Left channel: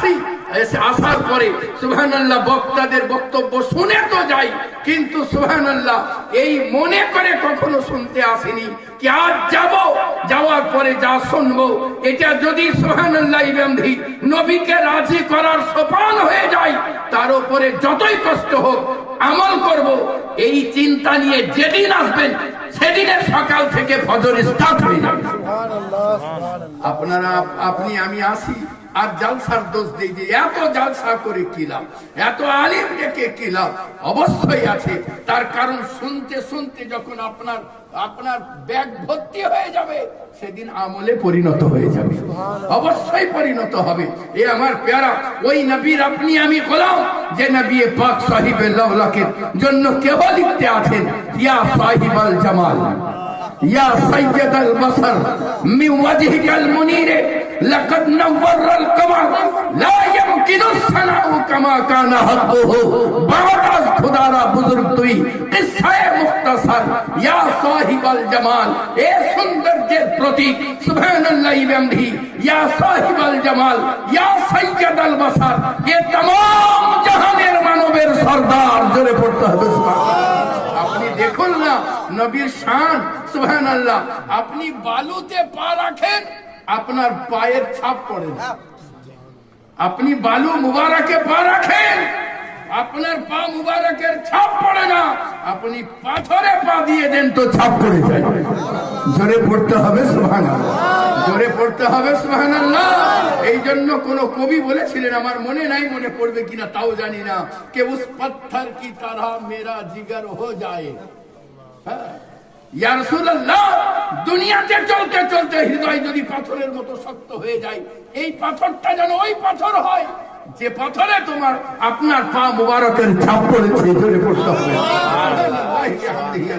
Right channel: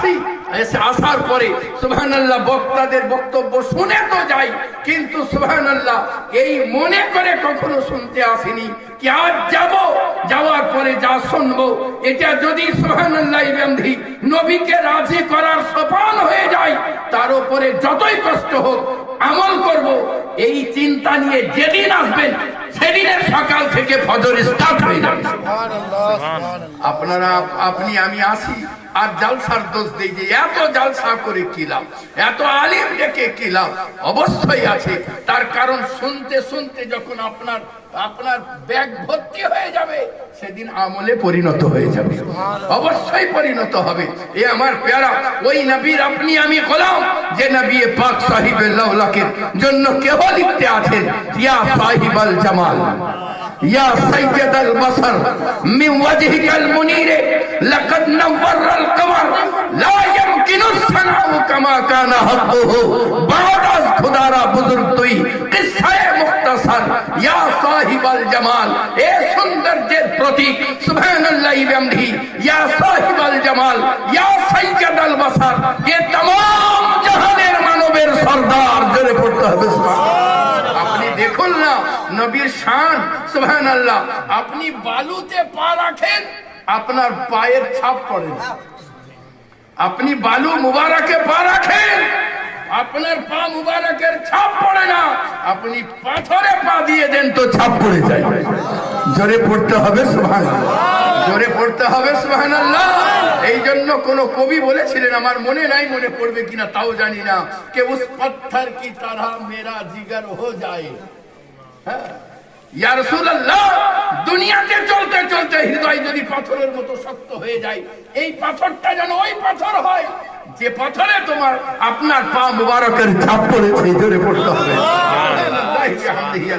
আসি, এসে আসার পরে সুবহানাল্লাহ বক্তাদের বক্তব্য শুনে তো যাই, কিন্তু সুবহানাল্লাহ এই মনে করে কখনো শুনতে আসেনি কি আজ যাব, যাওয়ার পরে যা শুনবো এটা যদি সুবহানাল্লাহ ইবান্ধি নবীকে রাজি করার সোপান হয়ে যায়, তার উপরে যতই কষ্ট হোক আমল করব, এই চিন্তা নিয়ে যেদিন আসবেন সেদিনের সকাল থেকে ফজর স্টার্ট হয়ে যাবে। আপনারা আপনি আমি আসি আর জালসার দোষ দিই যে এত জালসা করে কি লাভ, এত আলিম ডেকে কি লাভ? অবশ্যই আছে, তার কারণ শুনতে শুনতে যখন আপনার ব্যাগ ভর্তি হয়ে যাবে সেদিন আমলে পরিণত হয়ে যাবে, অবশ্যই পরিণত হবে। এ আমার প্যারা ওই নবীর আপনি আমি গোলাম, যে নবী পাক সাহিবে লাউলাকের জন্য কেউ লিখতে আছেন ইয়া সাহিবাল জামাল ইয়া সাইয়্যিদাল বসর মিন ওয়াজহিকাল মুনীর লাকাদ নাওয়ারাল কমর লা ইয়ামকিনু সানাউ কামা কানা হক্কুহু বারাজ খুদারা বুজুর্গ তুই কিসসায়ে মুখতাসার ইয়া সাহিবাল জামাল, এ সৌন্দর্যের প্রতীক সুবহানাল্লাহ বিহামদিহি ইয়া সাহিবাল জামাল ইয়া সাইয়্যিদাল বসর, এ तमाम জাহানের মানবের সরদার, জোরে পড়তে হবে সুবহানাল্লাহ। আপনি দেখুন না নবীর শান সুবহানাল্লাহ, আপনি বালুতে পা রাখেন আপনার পায়ের ছাপ পড়ে না, আপনি বালু মুবারকে পা রাখেন আপনার পা মুবারকের ছাপ পড়ে না, আপনি পাথরে পা দিয়ে দেন তো ছাপ পড়ে যায়। জোরে পড়তে হবে সুবহানাল্লাহ, জোরে পড়তে হবে সুবহানাল্লাহ। এই জন্য কোন কবি বলেছিলেন, আমার মনে নাই, মনে পড়বে কিনা তাও জানি না, কে উস পত্থর কি তরহ মেরা জিগর হো যায়। ইয়া রাসূলুল্লাহ, দুনিয়াতে চলতে চলতে হৃদয় যদি পাথরের মতো শক্ত হয়ে যায়, এই পাথরটা যেন ওই পাথর হয় যে পাথরে তোমার আপনার পা মুবারকের ছাপ পড়েছে। জোরে পড়তে হবে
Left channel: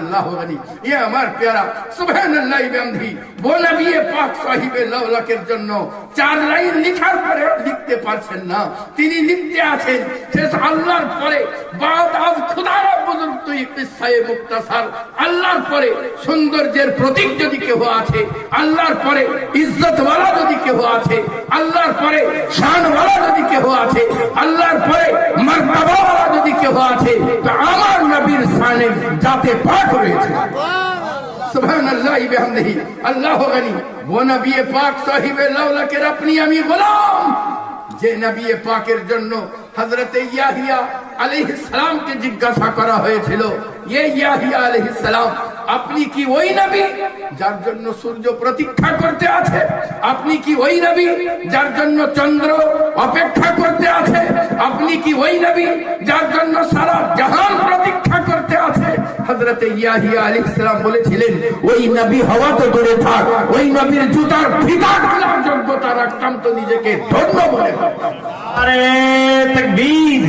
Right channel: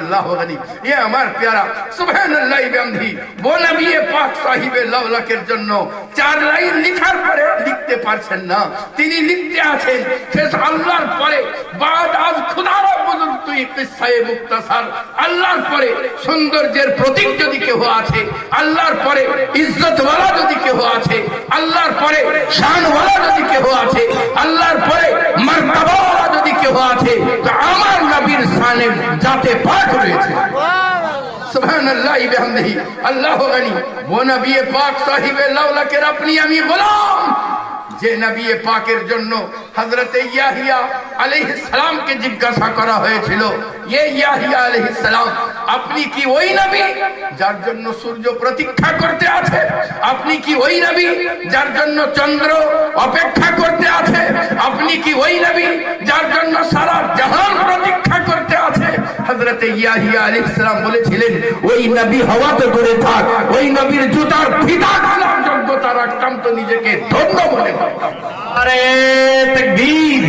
আল্লাহু গনি। এ আমার প্যারা সুবহানাল্লাহ বিহামদিহি ও নবী পাক সাহিবে লাউলাকের জন্য 4 লাইন লিখার পরে লিখতে পারছেন না, তিনি লিখতে আছেন শেষ আল্লাহর পরে বাদ আজ খুদারা বুজুর্গ তুই কিসসায়ে মুখতাসার, আল্লাহর পরে সৌন্দর্যের প্রতীক যদি কেউ আছে, আল্লাহর পরে ইজ্জতওয়ালা যদি কেউ আছে, আল্লাহর পরে শানওয়ালা যদি কেউ আছে, আল্লাহর পরে মর্তবাওয়ালা যদি কেউ আছে, তো আমার নবীর শানে জাতে পাক রয়েছে। সুবহানাল্লাহ বিহামদিহি আল্লাহু গনি। ও নবী পাক সাহিবে লাউলাকের আপনি আমি গোলাম, যে নবী পাকের জন্য হযরত ইয়াহিয়া আলাইহিস সালামকে জিজ্ঞাসা করা হয়েছিল, ইয়ে ইয়াহিয়া আলাইহিস সালাম, আপনি কি ওই নবী যার জন্য সূর্য প্রতীক্ষা করতে আছে? আপনি কি ওই নবী যার জন্য চন্দ্র অপেক্ষা করতে আছে? আপনি কি ওই নবী যার জন্য সারা জাহান প্রতীক্ষা করতে আছে? হযরত ইয়াহিয়া আলাইহিস সালাম বলেছিলেন, ওই নবী হওয়াতে করে থাক, ওই নবীর জুতার ফিতা খোলার যোগ্যতা রাখতাম তো নিজেকে ধন্য মনে করতাম। নারে তাকবীর,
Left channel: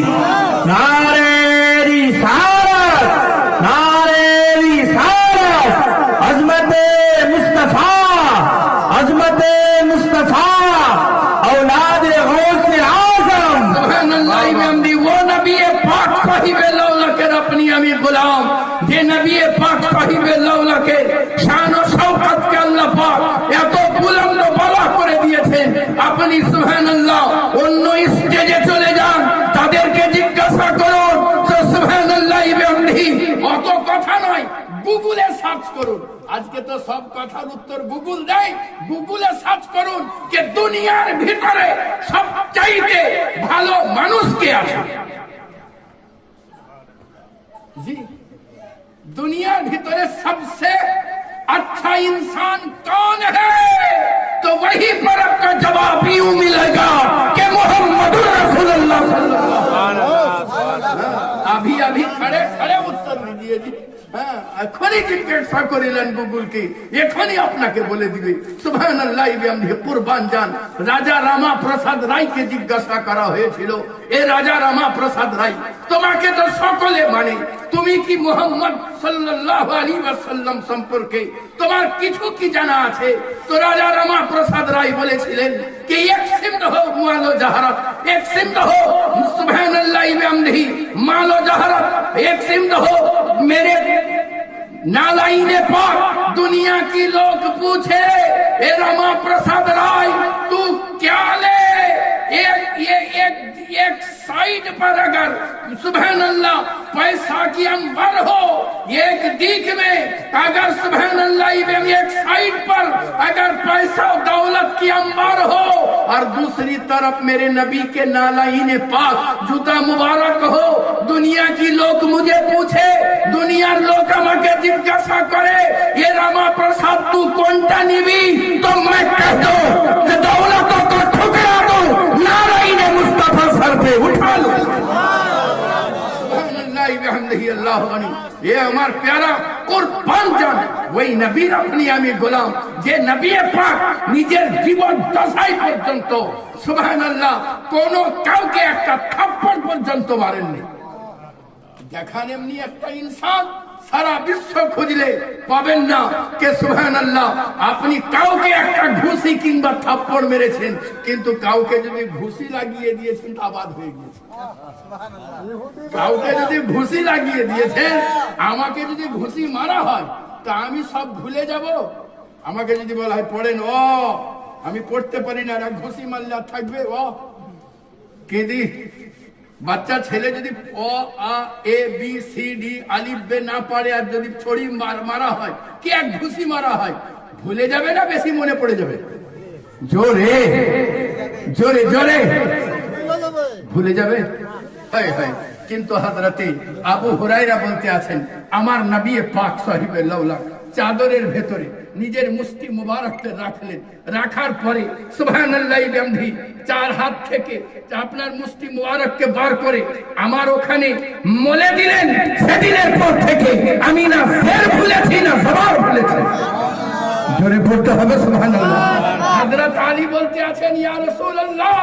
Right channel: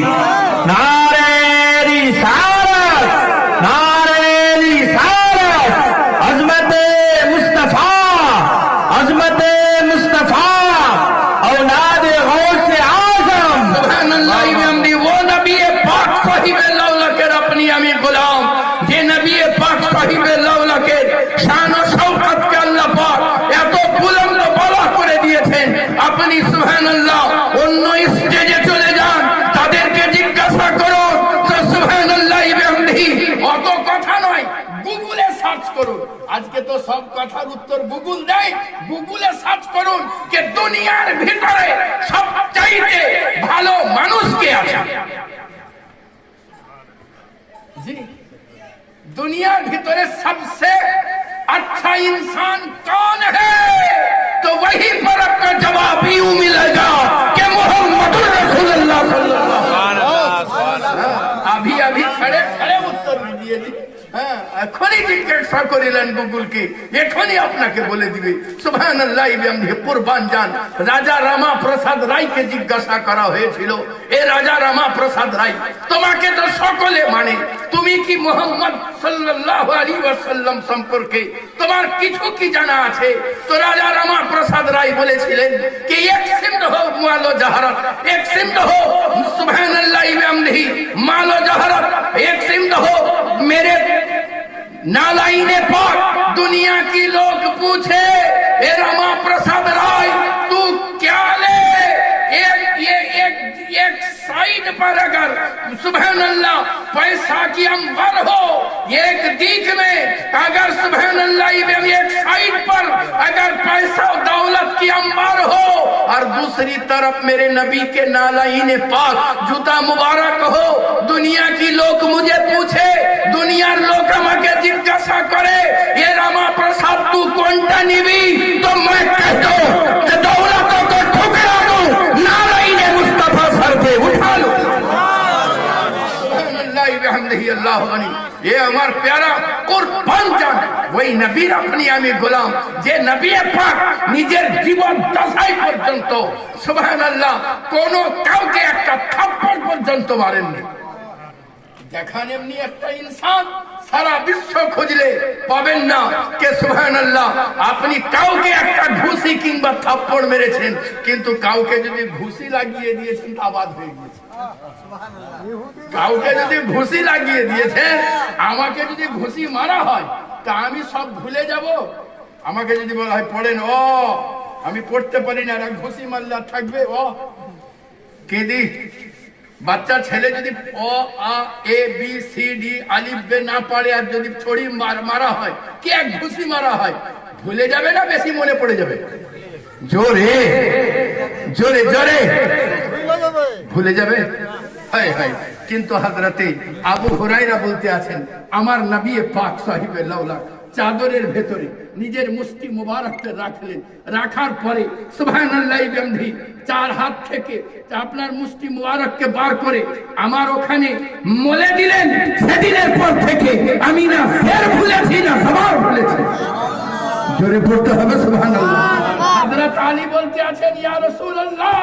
নারে রিসালাত, নারে রিসালাত, আজমতে মুস্তাফা, আজমতে মুস্তাফা, औलादे गौसे आजम। সুবহানাল্লাহ বিহামদিহি ও নবী পাক সাহিবে লাউলাকের আপনি আমি গোলাম, যে নবী পাক সাহিবে লাউলাকের শান ও শওকতকে আল্লাহ পাক এত বুলন্দ বালা করে দিয়েছেন, আপনি সুবহানাল্লাহ অন্য স্টেজে চলে যান, তাদেরকে জিজ্ঞাসা করুন তো সুবহানাল্লাহ বিহামদিহি, অত কথা নয়, গুগলে সার্চ করুন। আজকে তো সব কথার উত্তর গুগল দেয়, গুগলে সার্চ করুন যে দুনিয়ার ভিতরে সবচাইতে ভালো মানুষ কে আছে। জি, दुनिया भीतर सबसे अच्छा इंसान कौन है, तो वही परख का जवाब यूं मिलेगा कि मोहम्मद रसूलुल्लाह सल्लल्लाहु अलैहि वसल्लम। अभी अभी खड़े खड़े उत्तर दिए जी, হ্যাঁ, এখনই জিজ্ঞাসা করিলেন গুগলকে, এখনই আপনাকে বলে দিবে। সুবহানাল্লাহ বিহামদিহি কুরবান যান। রাজা রামা প্রসাদ রায়কে জিজ্ঞাসা করা হয়েছিল, এ রাজা রামা প্রসাদ রায়, তোমাকে তো সকলে মানে, তুমি কি মোহাম্মদ সাল্লাল্লাহু আলাইহি ওয়াসাল্লাম সম্পর্কে তোমার কিছু কি জানা আছে? তো রাজা রামা প্রসাদ রায় বলেছিলেন कि एक सिमत हो मालो जहरत, एक सिमत हो सुबहानल्लाह बिहम्दिही मालो जहरत, एक सिमत हो मेरे नालाइने पाक। दुनिया की लोग पूछे, ए रमा प्रसाद राय तू क्या ले, एक साइड पर अगर सुभान अल्लाह पैसा की अंबर हो, एक दिख में अगर सुभान अल्लाह एक साइड पर अगर पैसा दौलत की अंबर हो, और दूसरी तरफ मेरे नबी के नालाइन पाक जूता मुबारक हो, दुनिया की लोग मुझे पूछे, दुनियार लोग আমাকে জিজ্ঞাসা করে, ये रामा प्रसाद तू কোনটা নিবি, तो मैं कहता हूं कि दौलत को ठुकरा दो, नालाइन मुस्तफा सर पे उठा लो। सुभान अल्लाह बिहम्दिही अल्लाहु गनी। ये हमार प्यारा कुरबान जान ওই নবীর আপনি আমি গোলাম, যে নবী পাক নিজের জীবন দশাই পর্যন্ত সুবহানাল্লাহ কোন কাউকে একটা থাপ্পড় পর্যন্ত মারেননি। দেখান এমনি একটা ইনসান সারা বিশ্ব খুঁজলে পাবেন না কে সুবহানাল্লাহ আপনি কাউকে একটা ঘুষি কিংবা থাপ্পড় মেরেছেন, কিন্তু কাউকে যদি ঘুষি লাগিয়ে দিয়েছেন তা বাদ হয়ে গিয়েছে। কাউকে যদি ঘুষি লাগিয়ে দিয়েছেন, আমাকে যদি ঘুষি মারা হয় তা আমি সব ভুলে যাব? আমাকে যদি বলা হয় পড়েন, ও আমি পড়তে পারি না, আর ঘুষি মারলে আর থাকবে ও কেঁদি? বাচ্চা ছেলে যদি অ আ এ বি সি ডি আলিফ বে না পারে, আর যদি ছড়ি মারা হয় কি এক ঘুষি মারা হয়, ভুলে যাবে না বেশি মনে পড়ে যাবে? জোরে জোরে জোরে ভুলে যাবে। হায় হায়। কিন্তু হযরতে আবু হুরায়রা বলতে আছেন, আমার নবী পাক সাহিবে লাউলা চাদরের ভেতরে নিজের মুষ্টি মুবারককে রাখলেন, রাখার পরে সুবহানাল্লাহ বিহামদি চার হাত থেকে আপনার মুষ্টি মুবারককে বার করে আমার ওখানে মলে দিলেন। সেদিনের পর থেকে আমি না ফের ভুলেছি না সবার ভুলেছি। জোরে পড়তে হবে সুবহানাল্লাহ। হযরত আলী বলতে আছেন, ইয়া রাসূলুল্লাহ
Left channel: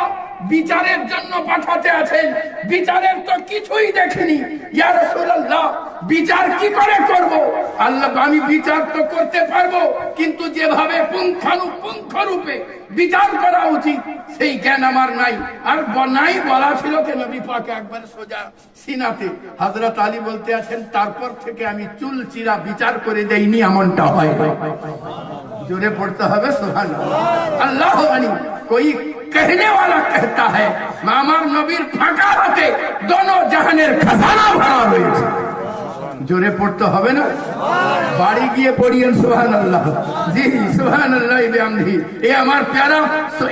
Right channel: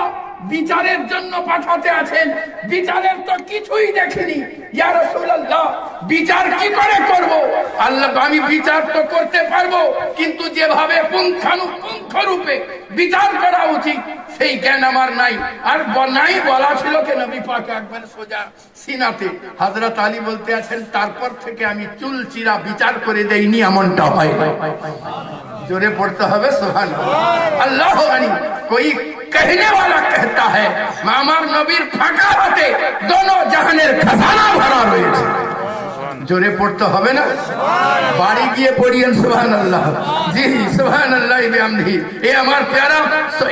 বিচারের জন্য পাঠাতে আছেন, বিচারের তো কিছুই দেখিনি, ইয়া রাসূলুল্লাহ বিচার কি করে করব? আল্লাহ আমি বিচার তো করতে পারবো, কিন্তু যেভাবে পুঙ্খানুপুঙ্খ রূপে বিচার করা উচিত সেই জ্ঞান আমার নাই। আর নাই বলা ছিল কে নবী পাক একবার সোজা সিনাতে। হযরত আলী বলতে আছেন, তারপর থেকে আমি চুল চিরা বিচার করে দেইনি, এমনটা হয়। जोरे पढ़ते हुए सुभान अल्लाह अली। कोई कहने वाला कहता है मामार नबीर फाका होते दोनों जहानेर खजाना भरा रয়েছে। जोरे पढ़ते হবে না? বাড়ি গিয়ে পড়িয়েন সুবহানাল্লাহ। জি সুবহানাল্লাহ বিহামদিহি। এই আমার প্যারা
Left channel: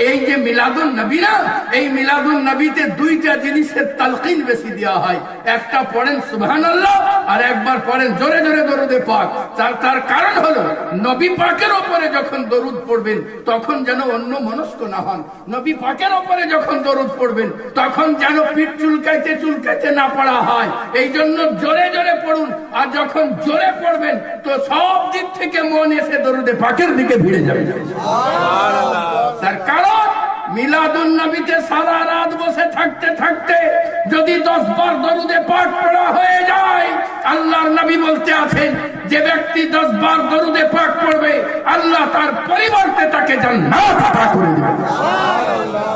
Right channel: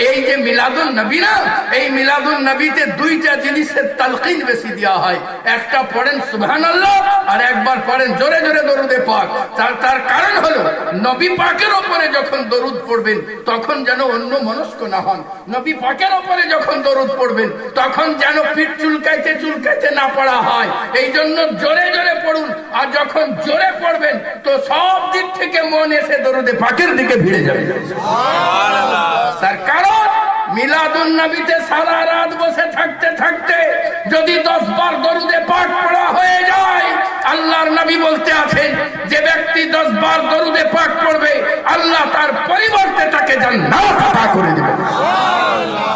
এই যে মিলাদুন নবী না, এই মিলাদুন নবীতে দুইটা জিনিসের তালকিন বেশি দেওয়া হয়। একটা পড়েন সুবহানাল্লাহ, আর একবার পড়েন জোরে জোরে দরুদে পাক। তার কারণ হলো নবী পাকের উপরে যখন দরুদ পড়বেন তখন যেন অন্য মনস্ক না হন। নবী পাকের উপরে যখন দরুদ পড়বেন তখন যেন পিঠ চুলকাইতে চুলকাইতে না পড়া হয়। এই জন্য জোরে জোরে পড়ুন, আর যখন জোরে পড়বেন তো সব দিক থেকে মন এসে দরুদে পাকের দিকে ভিড়ে যাবে। তার কারণ মিলাদুন নবীতে সারা রাত বসে থাকতে থাকতে যদি 10 বার দরুদে পাক পড়া হয়ে যায়, আল্লাহর নবী বলতে আছেন যে ব্যক্তি 10 বার দরুদে পাক পড়বে আল্লাহ তার পরিবর্তে তাকে জান্নাত আতা করে দিবেন।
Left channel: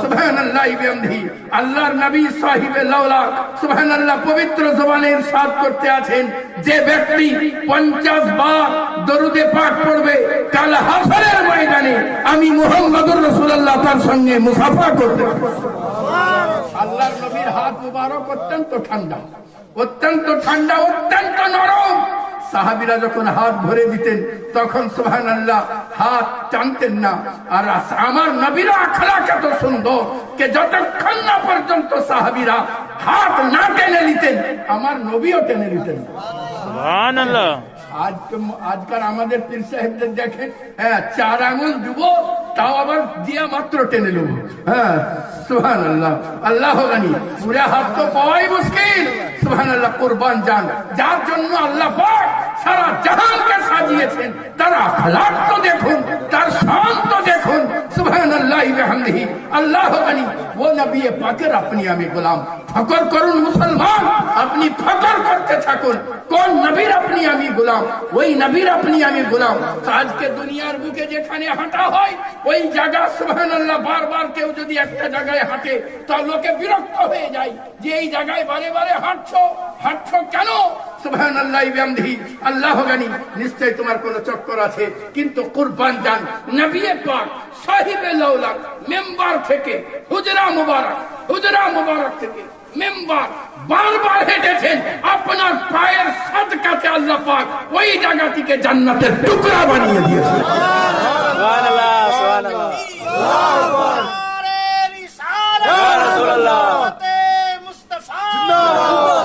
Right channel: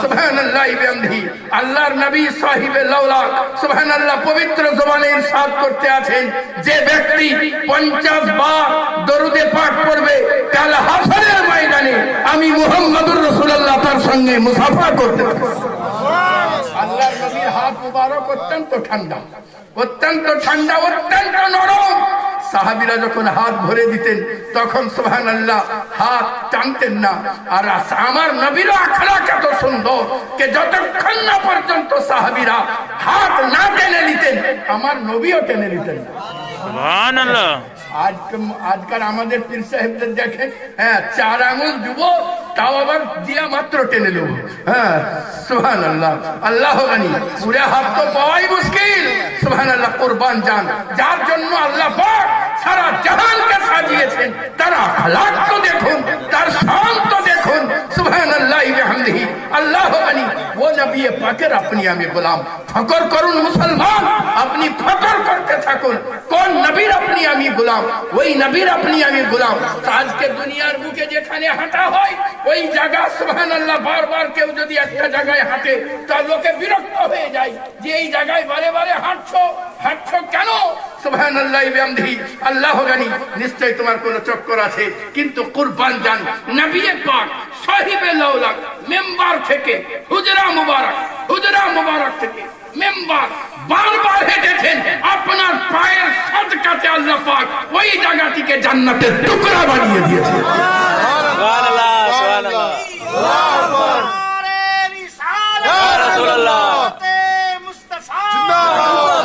সুবহানাল্লাহ বিহামদিহি। আল্লাহর নবী সাহিবে লাউলা সুবহানাল্লাহ পবিত্র জবানে ইরশাদ করতে আছেন, যে ব্যক্তি 50 বার দরুদে পাক পড়বে কাল হাসরের ময়দানে আমি মুহাম্মদুর রাসূলুল্লাহ তার সঙ্গে মুসাফা করতে থাকব। আল্লাহর নবীর হাত মুবারক অত্যন্ত ঠান্ডা, অত্যন্ত ঠান্ডা, অত্যন্ত নরম। সাহাবীরা যখন হাত ভরে দিতেন তখন সুবহানাল্লাহ হাত টানতেন না। আর আমার নবীর আখলাক এত সুন্দর যে যতক্ষণ না পর্যন্ত সাহাবীরা হাত না টেনে নিতেন আমার নবীও টেনে নিতেন। সুবহানাল্লাহ। আজকাল আমাদের পীর সাহেবদের দেখেন, হ্যাঁ 4 আঙ্গুল দিব তাও আবার দিয়া মাত্র টেনে নেব। হ্যাঁ সুবহানাল্লাহ। আল্লাহ গানি পুরা হাত তো পাওয়াই মুশকিল। সুবহানাল্লাহ। কুরবান জান যার জন্য আল্লাহ পাক সারা জাহানকে সাজিয়েছেন, তার আখলাক তো দেখুন, তার শান তো দেখুন। সুবহানাল্লাহ বিহামদিহি। আল্লাহ গানি ও নবী পাকের আপনি আমি গোলাম। ফকর করুন মুসলমান, আপনি ফকর করতে থাকুন কোন নবীর আপনি আমি গোলাম, ওই নবীর আপনি আমি গোলাম। আজকে দুনিয়ার বুকে যেখানে হাঁটা হয় ওই জায়গা সুবহানাল্লাহ বারবার কেউ যদি একটা জায়গায় হাঁটে তা লোকে বিরক্ত হয়ে যায় যে এই জায়গায় বারে বারে হাঁটছো কেন? সুবহানাল্লাহ বিহামদিহি। আল্লাহ জানি নিশ্চয় তোমার কোন চক্কর আছে, কিন্তু কুরবান জান নবী পাক সাহিবে লাউলা মেম্বার থেকে হুজরা মুবারক হুজরা মুবারক থেকে মেম্বার বারবার হেঁটেছেন, আপনার পায়ের সাদকাতে আল্লাহ পাক ওই জায়গাটিকে জান্নাতের টুকরা বানিয়ে দিয়েছে।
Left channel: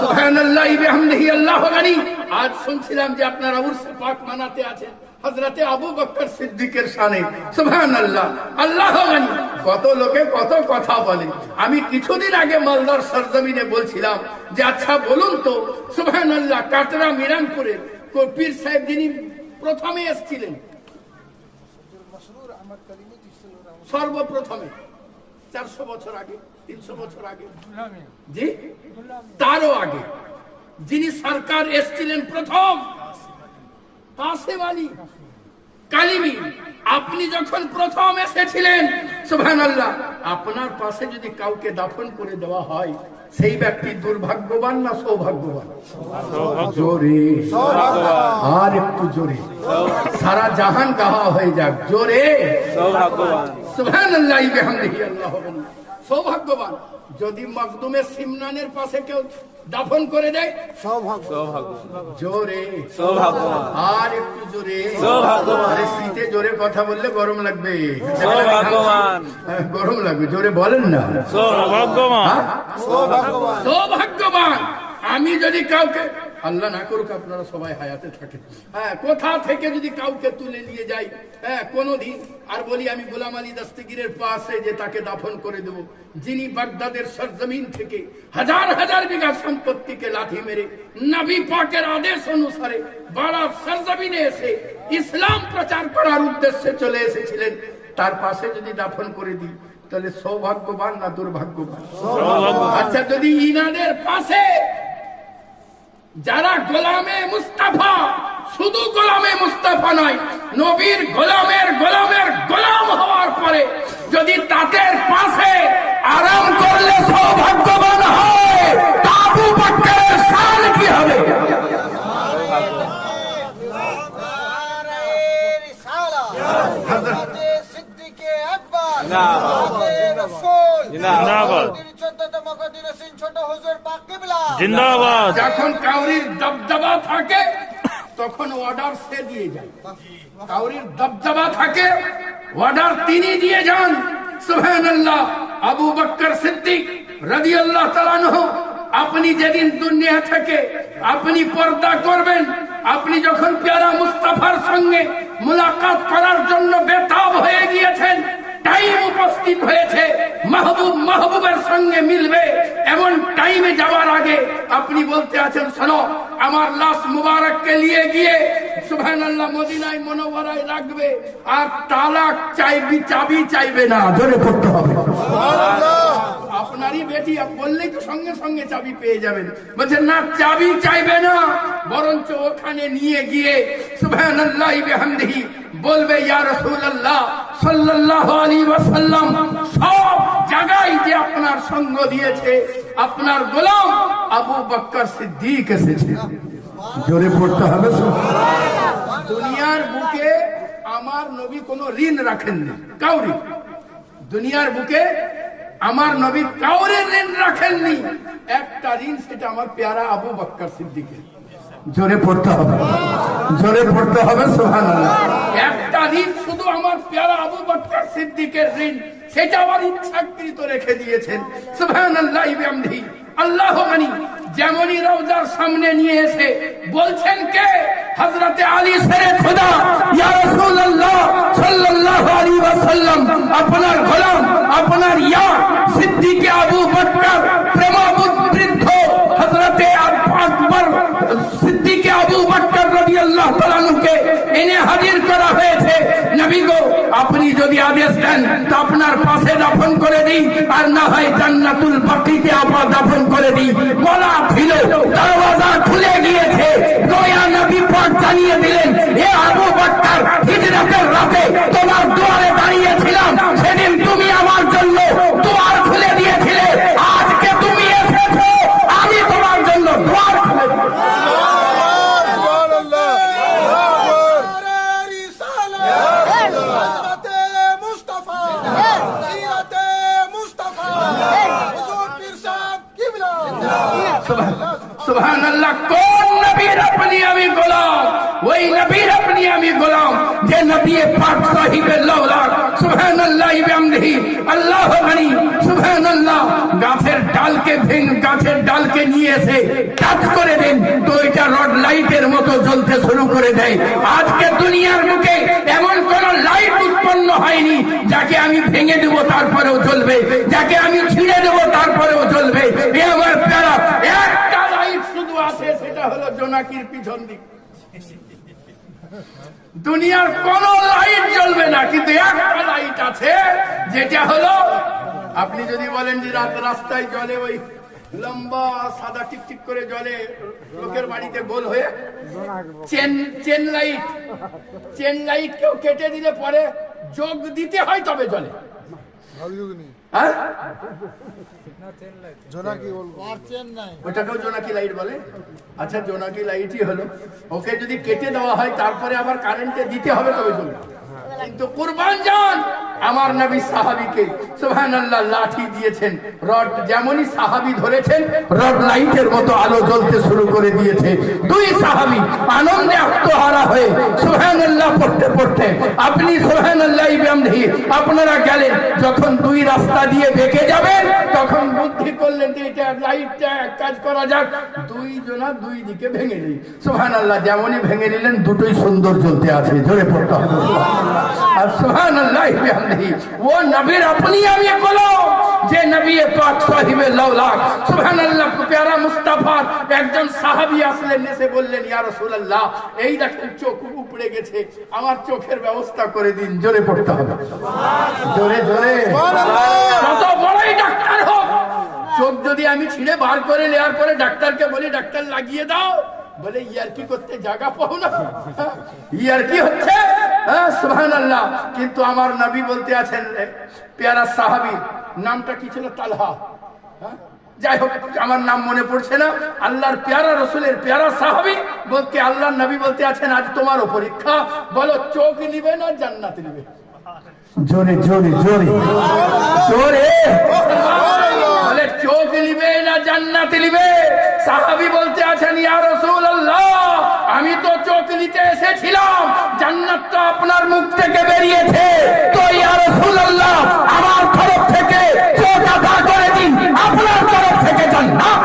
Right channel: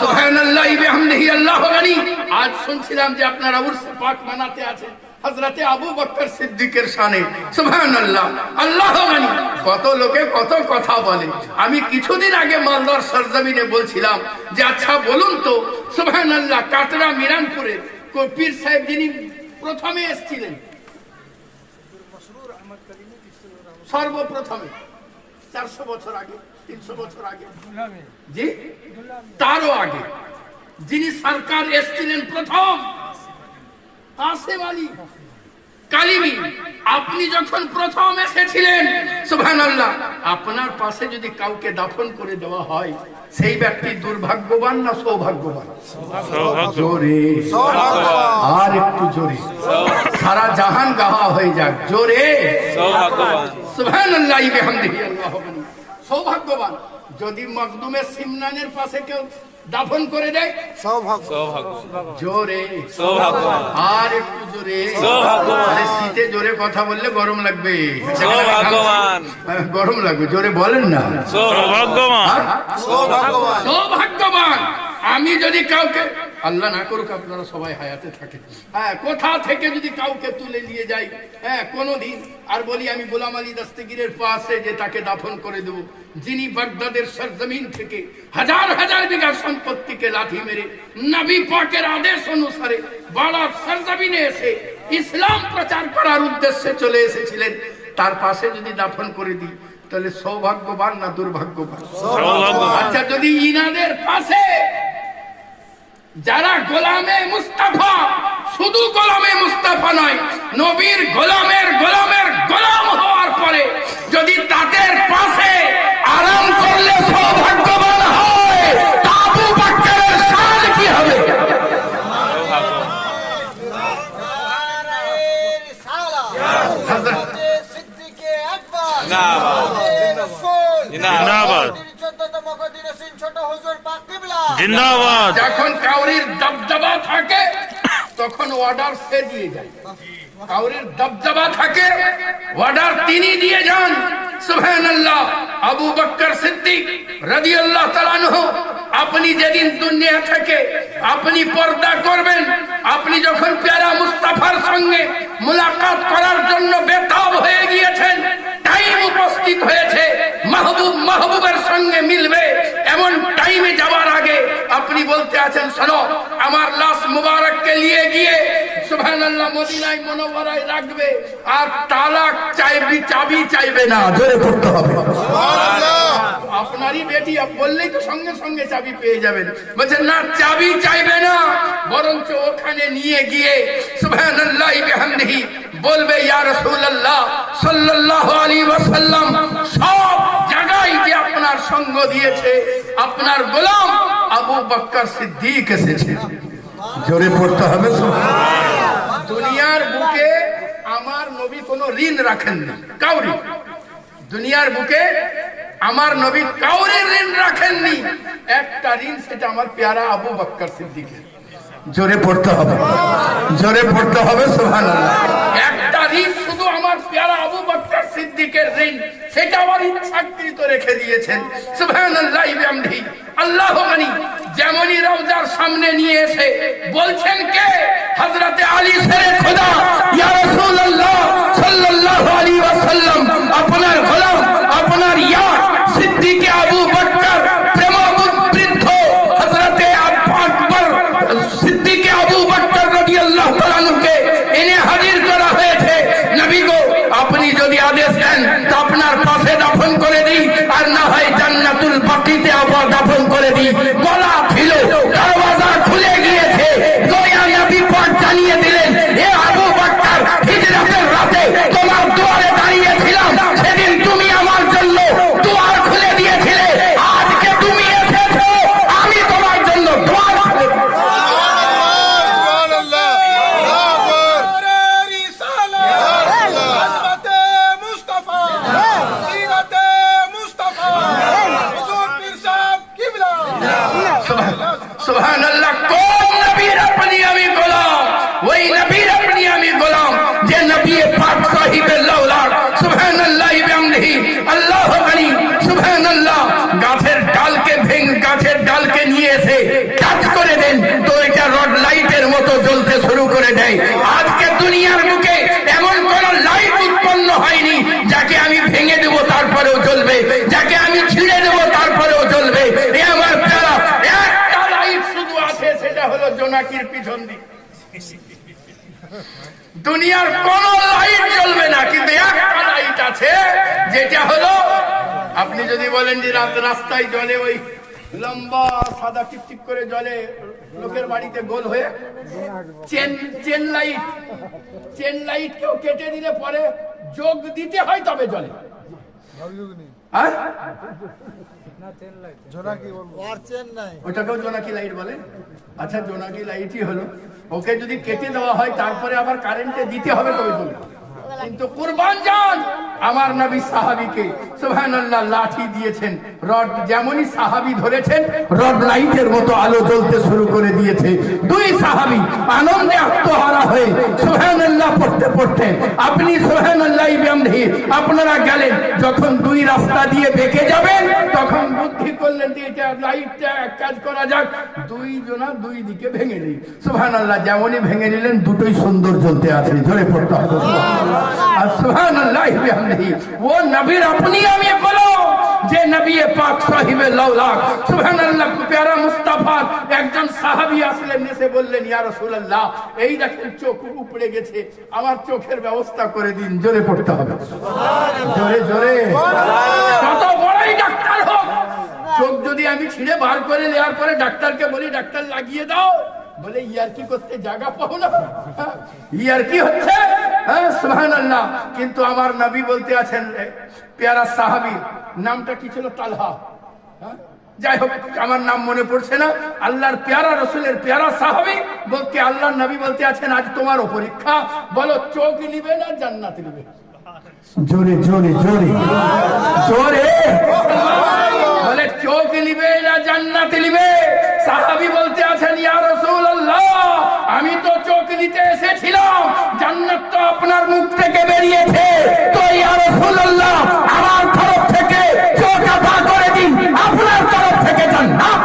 সুবহানাল্লাহি বিহামদিহি আল্লাহু গনি। আজ শুনছিলাম যে আপনারা উরস পাক মানাতে আছেন হযরতে আবু বকর সিদ্দিকের শানে। সুবহানাল্লাহ, আল্লাহু গনি। কত লোকে কত কথা বলে। আমি কিছুদিন আগে মালদার সরজমিনে বলছিলাম যে আচ্ছা বলুন তো, সুবহানাল্লাহ, কাটরা মিরানপুরে পীর সাহেব যিনি প্রথমে এসেছিলেন, সর্বপ্রথমে 400 বছর আগে, 300 বছর আগে, জি তারও আগে, যিনি সরকার এসেছিলেন প্রথম, কাসেম আলী কালিমি, আপনি যখন প্রথম এসেছিলেন, সুবহানাল্লাহ, আপনার পাশে যদি কাউকে দাফন করে দেওয়া হয়, সেই ব্যক্তি দুর্ভাগ্যবান না সৌভাগ্যবান? জোরে, আর একটু জোরে, সারা জাহান গাহা হয়ে যাক, জোরে সুবহানাল্লাহ বিহামদিহি আল্লাহু আকবার। সৌভাগ্যবান। যদি মখদুমে সিমনানের পাশে কেউ দাফন করে দেয়, সৌভাগ্য। জোরে, আর একটু জোরে, আরে শীতে জোরে কথা বললে গরম লাগবে, গরম লাগবে, জোরে বলেন না। সৌভাগ্যবান। আমি যদি কাউকে, আল্লাহ না করুক আপনারা সবাই হায়াতে থাকেন, হ্যাঁ, কোথা থেকে যদি কাউকে তুলে নিয়ে যাই, হ্যাঁ, কোনদিন আর বলি আমি গোলাম আলী দস্তগীরের পাশে যে তাকে দাফন করে দেব, যিনি বাগদাদের সরজমিন থেকে হাজার হাজার বিঘা সম্পত্তিকে লাঠি মেরে নবী পাকের আদেশ অনুসারে বাড়ার সরজমিনে এসে ইসলাম প্রচার করার উদ্দেশ্যে চলে এসেছিলেন, তার পাশে যদি দাফন করে দিই, তাহলে সৌভাগ্যবান না দুর্ভাগ্যবান? আচ্ছা, যদি ইনাদের পাশে যারা গোলামে মুস্তাফা, শুধু গোলামে মুস্তাফা নয়, নবীর গোলামের গোলামের গোলাম হওয়ার পরে যদি তাদের পাশে আরাম করলে সৌভাগ্যবান হয়, আবু বকরের শান কি হবে? জিন্দাবাদ। যখন কাউরির দবদবা থাকে তখন অর্ডার সে দিয়ে যায়, কাউরির দবদবা থাকে অর্ডার তিনি দিয়ে যান। সুবহানাল্লাহ। আবু বকর সিদ্দিক রাদিয়াল্লাহু তাআলা আনহু, আপনি যেদিন দুনিয়া থেকে আপনি পর্দা করবেন, আপনি যখন প্যারা মুস্তাফার সঙ্গে মুলাকাত করার জন্য বেতাব হয়ে গিয়েছেন, টাইম উপস্থিত হয়েছে, মাহবুব মাহবুবের সঙ্গে মিলবে, এমন টাইমে যাওয়ার আগে আপনি বলতে আছেন, শোনো, আমার লাশ মুবারককে নিয়ে গিয়ে সুবহানাল্লাহ মদিনায় মুনাওয়ারায় রাখবে, আর তালাক চাইবি, চাবি চাইবে না, জোরে পড়তে হবে সুবহানাল্লাহ। আপনারই বেটি বললেই তো সঙ্গে সঙ্গে চাবি পেয়ে যাবেন, বলছেন না, চাবি চাইবে না, বরঞ্চ ওখানে নিয়ে গিয়ে সুবহানাল্লাহ বিহামদিহি বলবে, ইয়া রাসূলুল্লাহ সাল্লাল্লাহু আলাইহি ওয়াসাল্লাম সব জায়গায় যে আপনার সঙ্গ দিয়েছে আপনার গোলাম আবু বকর সিদ্দিক এসেছে, জোরে পড়তে হবে সুবহানাল্লাহ। দুনিয়ার বুকে আমার নবী কোনো ঋণ রাখেননি কাউরি, দুনিয়ার বুকে আমার নবী কাউরে ঋণ রাখেননি, একটা ঋণ, সেটা আমার প্যারা আবু বকর সিদ্দিকের, জোরে পড়তে হবে, জোরে পড়তে হবে সুবহানাল্লাহ। একটা ঋণ শুধু আমার প্যারা আবু বকর সিদ্দিকের ঋণ, সেটা আমার ইচ্ছাকৃত রেখে দিয়েছেন। সুবহানাল্লাহ বিহামদিহি আল্লাহু গনি। যেমনই রওজার সামনে নিয়ে এসে বলছেন কে? হযরতে আলী শেরে খুদা, ইয়া রাসূলুল্লাহ সাল্লাল্লাহু আলাইহি ওয়াসাল্লাম, আপনার গোলাম, আপনার ইয়া সিদ্দিকে আবু বকর প্রেমাবৃদ্ধ হযরতে আকবর সিদ্দিকে আবু বকর রাদিয়াল্লাহু তাআলা আনহুকে এনে হাজির করা হয়েছে। নবী গো, আপনি যদি আদেশ দেন তো আপনার পাশে দাফন করে দিই, আর না হয় জান্নাতুল বাকিতে আবার দাফন করে দিই। গলা ছিল, দরজা খুলে গিয়েছে, দয়া নবী পাক জানিয়ে দিলেন, হে আবু বকর, হিজরতের রাতে তোমার দুয়ারে দাঁড়িয়েছিলাম, সেদিন তুমি আমার জন্য দুয়ার খুলে দিয়েছিলে, সুবহানাল্লাহ। কোন নবীর আপনি আমি গোলাম? ওই নবীর আপনি আমি গোলাম যে নবী পাক সাহিবে লাউলাক। সুবহানাল্লাহ বিহামদিহি আল্লাহু গনি। সুবহানাল্লাহ। গাছের ডালকে নিয়ে এসে টাচ করে দেন তো এটা রড লাইটের মতো জ্বলতে শুরু করে দেয়। আজকে দুনিয়ার বুকে এমন কোন লাইট উৎপন্ন হয়নি যাকে আমি ভেঙে দেবো তারপরেও জ্বলবে, যাকে আমি ছিঁড়ে দেবো তারপরেও জ্বলবে। এ আমার প্রিয়, একটা লাইট শুধু আছে, সেটা হলো জোনাকির পিছন দিক। দুনিয়ার কোন লাইট জ্বলবে না, কিন্তু একটা লাইট আছে যেটা হলো, আপনি যদি বলেন যে রাস্তায় জ্বলে ওই লম্বা সাদা টিপটিপ করে জ্বলে লোকের বাড়িতে গোল হয়ে চেন লাইট কেউ কেটে দিলে পরে যোগ দিতে হয় তবে জ্বলে। হ্যাঁ? ওটাকেও জোনাকি লাইট বলে। আচ্ছা, জোনাকি লাইটই হলো, ওকে যদি কেটে দেওয়া হয় তারপরে আবার কারেন্টে দিতে হবে তবে জ্বলবে। কিন্তু কুরবান জান আমার নবী সাহাবীকে সুবহানাল্লাহ লাঠি দিয়েছেন, রড যেমনই সাহাবী ধরেছেন রড লাইটের মতো আলো জ্বলতে শুরু করে দিয়েছে। দুই সাহাবী আনন্দে আত্মহারা হয়ে সুবহানাল্লাহ পড়তে পড়তে আপনি সুবহানাল্লাহ বিহামদিহি আপনারা গেলেন, যখন দুই রাস্তা দিয়ে বেঁকে যাবেন তখন বুদ্ধি করলেন যে এটা লাইটটা কাজ করা যাক, দুই দিকে ভেঙে নিই। সুবহানাল্লাহ, যেমনই ভেঙে নিলেন দুটোই সুন্দর জ্বলতে আছে। ধরে পড়তে হবে আর সুবহানাল্লাহ বিহামদিহি। ও নবীর আপনি আমি গোলাম যে নবী পাক সাহিবে লাউলাক। সুবহানাল্লাহ। প্যারা মুস্তাফা একজন সাহাবী আসলেন, এসে বললেন ইয়া রাসূলুল্লাহ, এই দেখেন চোখ উপড়ে গেছে, আমার চোখের ব্যবস্থা করে দিন। জোরে পড়তে হবে, জোরে জোরে। কত বড়ই ডাক্তার হোক, চোখ যদি আমি ছিঁড়ে বার করে নেওয়ার পরে ডাক্তারকে বলি ডাক্তার লাগিয়ে দাও, বলে ইয়ার কি করতে জায়গা পাও না, ইয়ার কি হচ্ছে। হ্যাঁ, সুবহানাল্লাহ। কিন্তু আমার নবী বলতে আছেন, পেয়ারা সাহাবী নামটা কি ছিল? তালহা। যাই হোক, আমার নাম মনে পড়ছে না। আল্লাহর পেয়ারা রসুলের পেয়ারা সাহাবী বলতে আল্লাহর নবী বলতে আছেন, আজ তোমারও পরীক্ষা, বলো চোখ নিবে না জান্নাত নিবে? জোরে জোরে জোরে জোরে বলে চোখ নিবে না জান্নাত নিবে? সাহাবী বলতে আছেন, ইয়া রাসূলুল্লাহ, আমি তো চোখ নিতে এসেছিলাম, জান্নাত তো আপনার মুখ থেকে বেরিয়েছে, তো ইয়া রাসূলুল্লাহ আমার তরফ থেকে চোখ আতা করে দিন, আপনার তরফ থেকে জান্নাত।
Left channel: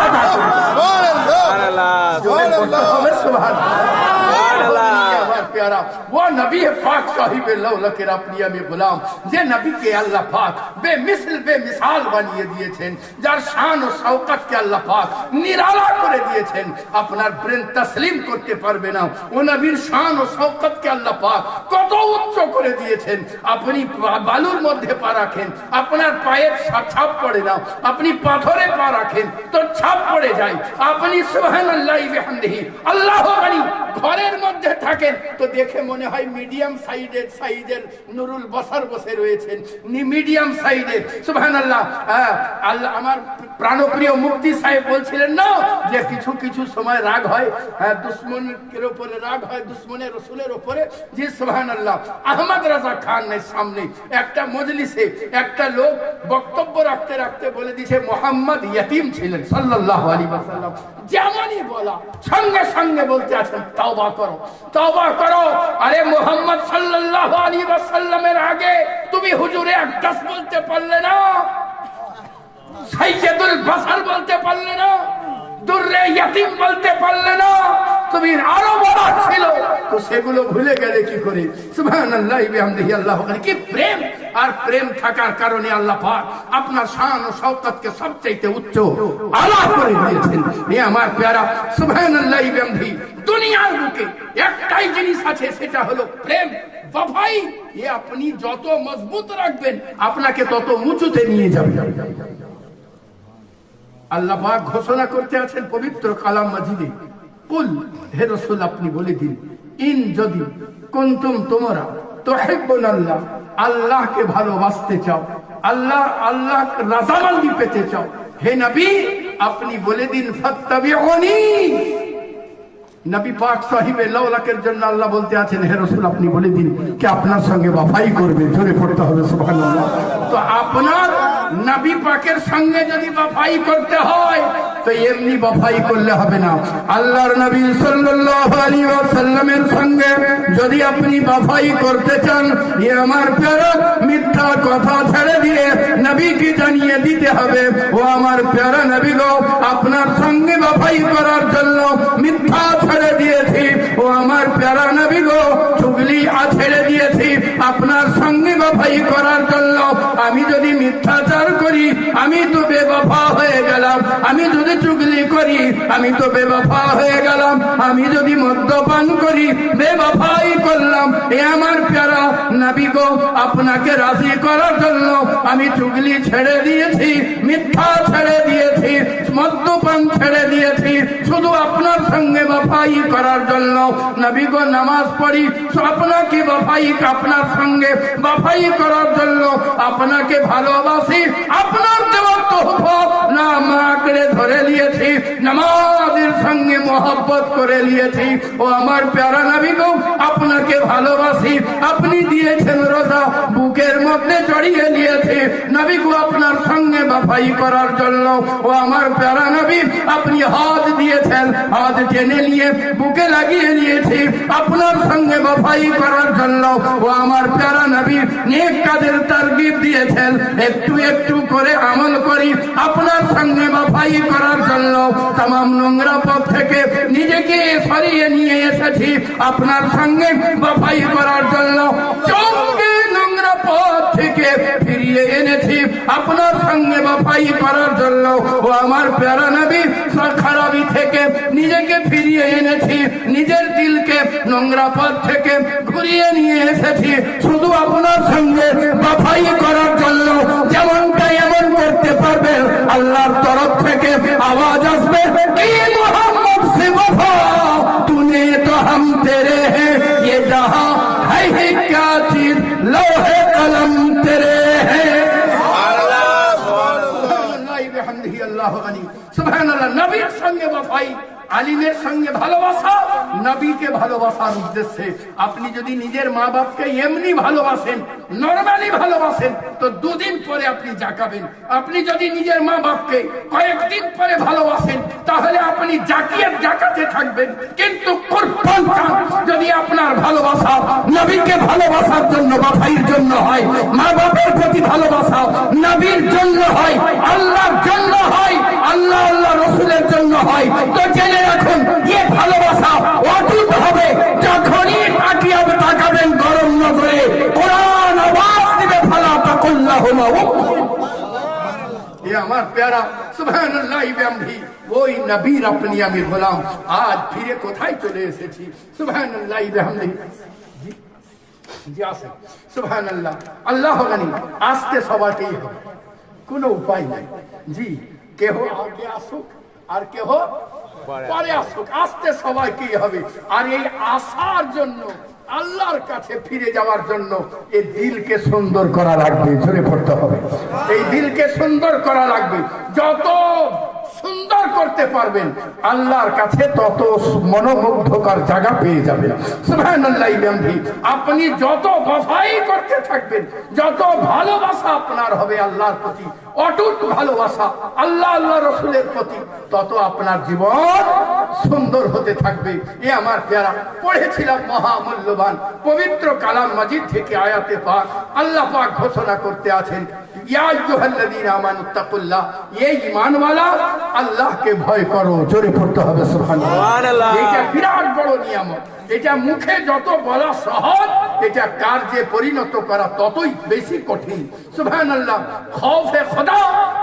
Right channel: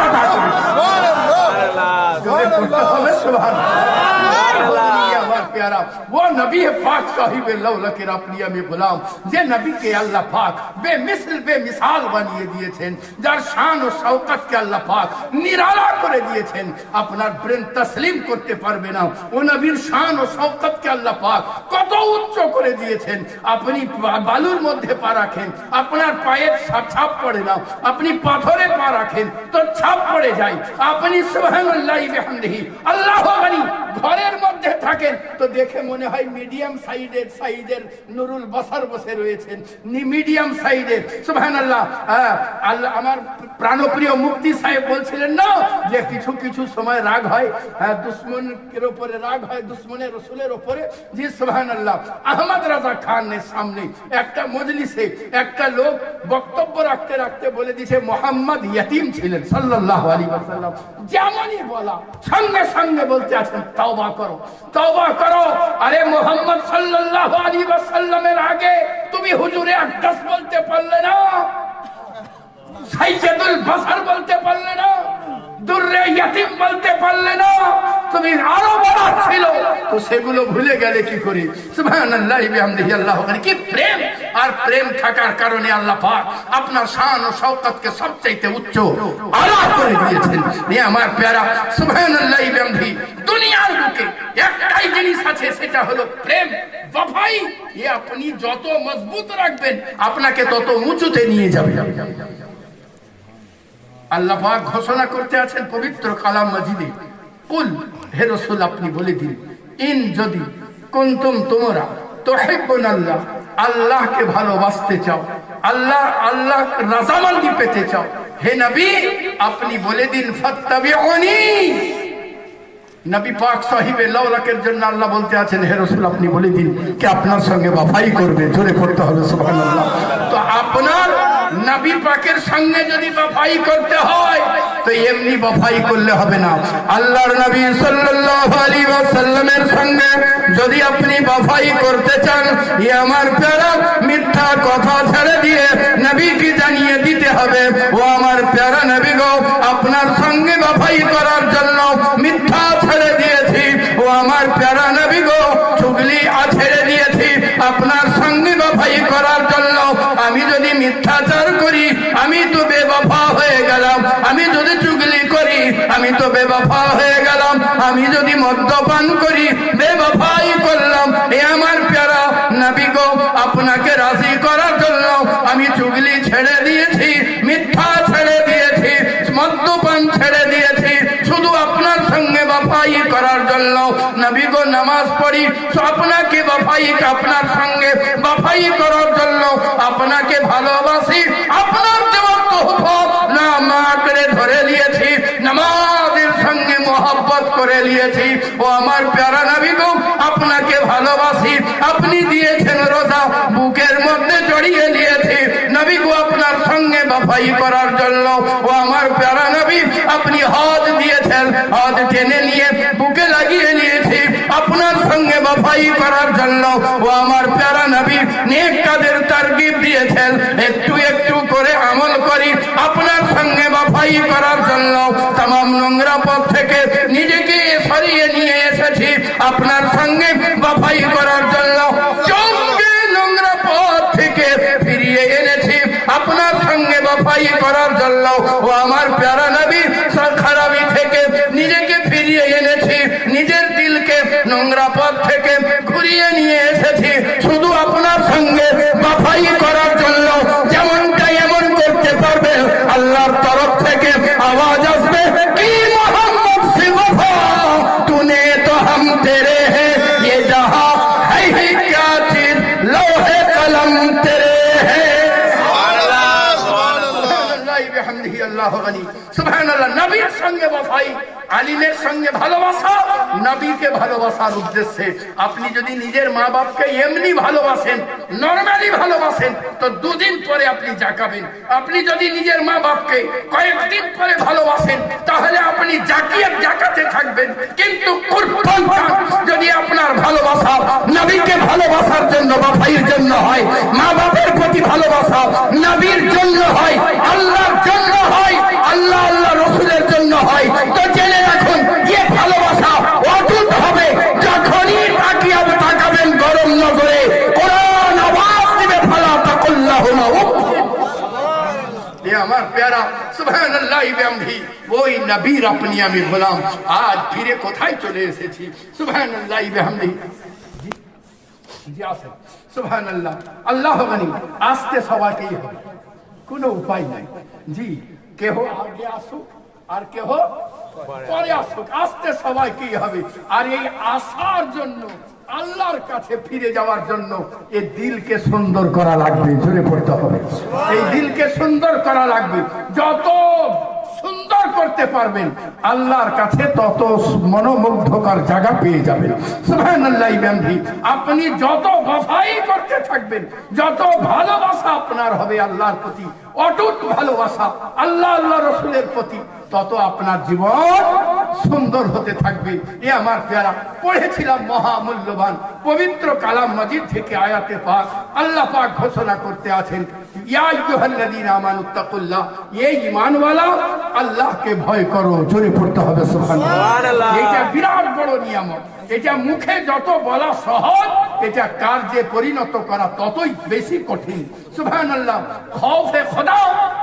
জোরে পড়তে হবে সুবহানাল্লাহ। प्यारा वो नबी पाक साहिब लौलकेर अपनी আমি গোলাম যে নবীকে আল্লাহ পাক বেমিসাল বেমিসাল বানিয়ে দিয়েছেন, যার শান ও শওকতকে আল্লাহ পাক নিরালা করে দিয়েছেন। আপনার ব্রেন তসলিম করতে পারবে না ও নবীর শান ও শওকতকে আল্লাহ পাক কত উচ্চ করে দিয়েছেন। আপনি বালুর মধ্যে পা রাখেন, আপনার পায়ের ছাপ পড়ে না, আপনি পাথরে পা রাখেন তো ছাপ পড়ে যায়। আপনি সুবহানাল্লাহ বিহামদিহি আল্লাহু আকবার ঘরের মধ্যে থাকেন তো দেখে মনে হয় মিডিয়াম সাইজের নুরুল বসার বসে রয়েছেন, মিডিয়াম সাইজের। সুবহানাল্লাহ। আল্লাহ আমার প্রাণপ্রিয় মুফতি সাহেব বলছিলেন না যে কিছু কিছু সময় রাগ হয়, দুশ্মনের উপরে রাগ হয়, দুশ্মনের রসুলের উপরে। জি সুবহানাল্লাহ। আহমদ রাজা খানের সামনে একটা মজলিসে একটা লোক বক্তব্য রাখতে রাখতে বলে দিয়েছে মোহাম্মদ ইয়তীম ছিলেন সাল্লাল্লাহু আলাইহি ওয়াসাল্লাম। যেমনই বলা সঙ্গে সঙ্গে বলতে আছেন তওবা করো, তওবা করো। আরে মোহাম্মদ সাল্লাল্লাহু আলাইহি ওয়াসাল্লামের আগে তুমি হুজুরে আকদাস বলতে পারলে না, সাইয়্যিদুল বাশার বলতে পারলে না, দুররে ইয়তীম বলতে পারলে না, তুমি আরো বড় ছিল তো সেগুলো ভুলে গেলে কি করে? সুবহানাল্লাহ বিহামদিহি আল্লাহু আকবার। কি প্রেম! আর প্রেম থাকার কারণে আল্লাহ পাক আপনার শান ও শওকতকে সবচেয়ে উচ্চ আল্লাহ করে দিয়েছেন। এ আমার প্যারা সুবহানাল্লাহ বিহামদিহি। দুনিয়ার বুকে একটাই জিনিস আছে, সেটা হলো প্রেম, ওয়াফাই। এ আপনি যত মজবুত রাখবেন আপনাকে তত উঁচুতে নিয়ে যাবে। আল্লাহ পাক ঘোষণা করতে আছেন পবিত্র কালাম মাজিদে, কুল হে রাসূল আপনি বলে দিন, ইন যদি কুনতুম তোমরা তুহিব্বুনাল্লাহ আল্লাহকে ভালোবাসতে চাও, আল্লাহ রাজামন্দি পেতে চাও, হে নবী আপনি বলে দিন ফাত্তাবিউনি। নবী পাক সাহিবে লাউলাকের জন্য আল্লাহ বলতে আছেন হে রাসূল আপনি বলে দিন কে আপনার সঙ্গে ওয়াফাই করবে। জোরে পড়তে হবে সুবহানাল্লাহ। তো আপনার নবী পাকের সঙ্গে যদি ওয়াফাই করতে হয় তো এমনি বফাই করলে হবে না। আল্লাহর নবী সাল্লাল্লাহু আলাইহি ওয়াসাল্লামের সঙ্গে যদি আপনি বফাই করতে চান, এ আমার প্যারা মিথ্যা কথা ছেড়ে দিয়ে নবীকে জানিয়ে দিতে হবে, ও আমার প্যারা নবী গো, আপনার সঙ্গে বফাই করার জন্য মিথ্যা ছেড়ে দিয়েছি। ও আমার প্যারা নবী গো, চুগলি ছেড়ে দিয়েছি আপনার সঙ্গে বফাই করার জন্য। আমি যদি মিথ্যাচার করি আমি তো বেবফা হয়ে গেলাম, আমি যদি চুগলি করি আমি তো বেবফা হয়ে গেলাম, আমি যদি মদ্যপান করি বেবফাই করলাম। এ আমার প্যারা নবী গো, আপনাকে রাজি করার জন্য আমি চুগলি ছেড়ে দিয়েছি, মিথ্যা ছেড়ে দিয়েছি, মদ্যপান ছেড়ে দিয়েছি, শুধু আপনার সঙ্গে বফাই করার জন্য। নবী গো, নামাজ পড়ি আপনাকে বফাই, আপনার সঙ্গে বফাই করার জন্য, আপনাকে ভালোবাসি, আপনার দেওয়া তোহফা নামা করে ধরে নিয়েছি, নামাজের সঙ্গে মহব্বত করে নিয়েছি। ও আমার প্যারা নবী গো, আপনাকে ভালোবাসি, আপনি দিয়েছেন রোজা, বুকের মধ্যে জড়িয়ে নিয়েছি নবী গো আপনার সঙ্গে বফাই করার জন্য। ও আমার প্যারা নবী, আপনি হাত দিয়েছেন, হাত টেনে নিয়ে বুকে লাগিয়ে নিয়েছি আপনার সঙ্গে বফাই করার জন্য। ও আমার প্যারা নবী, নেক কাজের তারগিব দিয়েছেন, একটু একটু করে আমল করি আপনার সঙ্গে বফাই করার জন্য। তামাম নোংরা পথ থেকে নিজেকে সরিয়ে নিয়ে এসেছি আপনার সঙ্গে বফাই করার জন্য। চোখকে নোংরা পথ থেকে ফিরিয়ে এনেছি আপনার সঙ্গে বফাই করার জন্য। ও আমার প্যারা নবী, খারাপি থেকে নিজেকে ফিরিয়ে এনেছি, নিজের দিলকে নোংরা পথ থেকে ঘুরিয়ে নিয়ে এসেছি শুধু আপনার সঙ্গে বফাই করার জন্য। যেমনটা এমন করতে পারবে আল্লাহর তরফ থেকে আওয়াজ আসবে, কি মোহাম্মদ সে বফা তूने तो हम तेरे हैं, ये जहां है क्या चीज लोहे कलम तेरे हैं। আল্লাহু গনি, সুবহানাল্লাহ। নবীর সঙ্গে বফাই, আলিমের সঙ্গে ভালোবাসা, নবীকে ভালোবাসার উদ্দেশ্যে। আপনি যদি নিজের মা বাপকে এমনি ভালোবাসেন, নরমালি ভালোবাসেন, তো দুদিন পরে আপনি জাকাবেন। আপনি যদি নিজের মা বাপকে কয়েকদিন পরে ভালোবাসেন, তাহলে আপনি জাকিয়ে জাকাতে থাকবেন। কিন্তু যদি আপনার ভালোবাসা নবীকে ভালোবাসার জন্য, বফাইয়ের জন্য হয়, মা বাপের প্রতি ভালোবাসা নবীর জন্য হয়, আল্লাহর জন্য হয়, আল্লাহ আল্লাহ রসুলের জন্য হয়, তো জেনে রাখুন এ ভালোবাসা অটুট হবে। যখনই তাকাবেন গরম নজরে, কোরআন আওয়াজ দিবে, ফালা তাকুল্লাহুমা ये আমার প্যারা সুবহানাল্লাহি বিহামদিহি, ওই নবীর আপনি আমি গোলাম, আজ ফিরে কোথায় চলে এসেছি। সুবহানাল্লাহি বিহামদিহি, জি আসেন। সুবহানাল্লাহ, আল্লাহ গনি। আসতে সবাইকেই হবে, কোনো উপায় নাই। জি, কেহ আগে আসুক আর কেহ পরে আসুক, আসতে সবাইকেই হবে। আর এই আসার জন্য, আল্লাহর কাছে ফিরে যাওয়ার জন্য এই দিলকে সুন্দর করা লাগবে, জোরে পড়তে হবে। এই দিলকে সুন্দর করা লাগবে। যত সুন্দর করতে পারবেন আল্লাহর কাছে, তত মনোমুগ্ধকর জায়গা পেয়ে যাবেন। সুবহানাল্লাহি বিহামদিহি। আপনি যত বফাই করতে থাকবেন, যত ভালোবাসা আপনার হবে আল্লাহর প্রতি, অটুট ভালোবাসা আল্লাহ আল্লাহ রসুলের প্রতি, তত আপনার জীবন সুন্দর হতে থাকবে। এ আমার প্যারা, পড়েছিলাম মহামূল্যবান পবিত্র কালাম মাজিদ থেকে আয়াতে পাক। আল্লাহ পাক ঘোষণা করতে আছেন, ইয়া আইয়ুহাল্লাযীনা আমানুত্তাকুল্লাহ, এই ঈমানওয়ালা আল্লাহকে ভয় করো। জোরে পড়তে হবে সুবহানাল্লাহ। এটা বিরাট বড় নিয়ামত। এটা মুখে যত বলা সহজ, এটা কার্যে পরিণত করা ততই বেশি কঠিন। সুবহানাল্লাহ। খৌফে খোদা,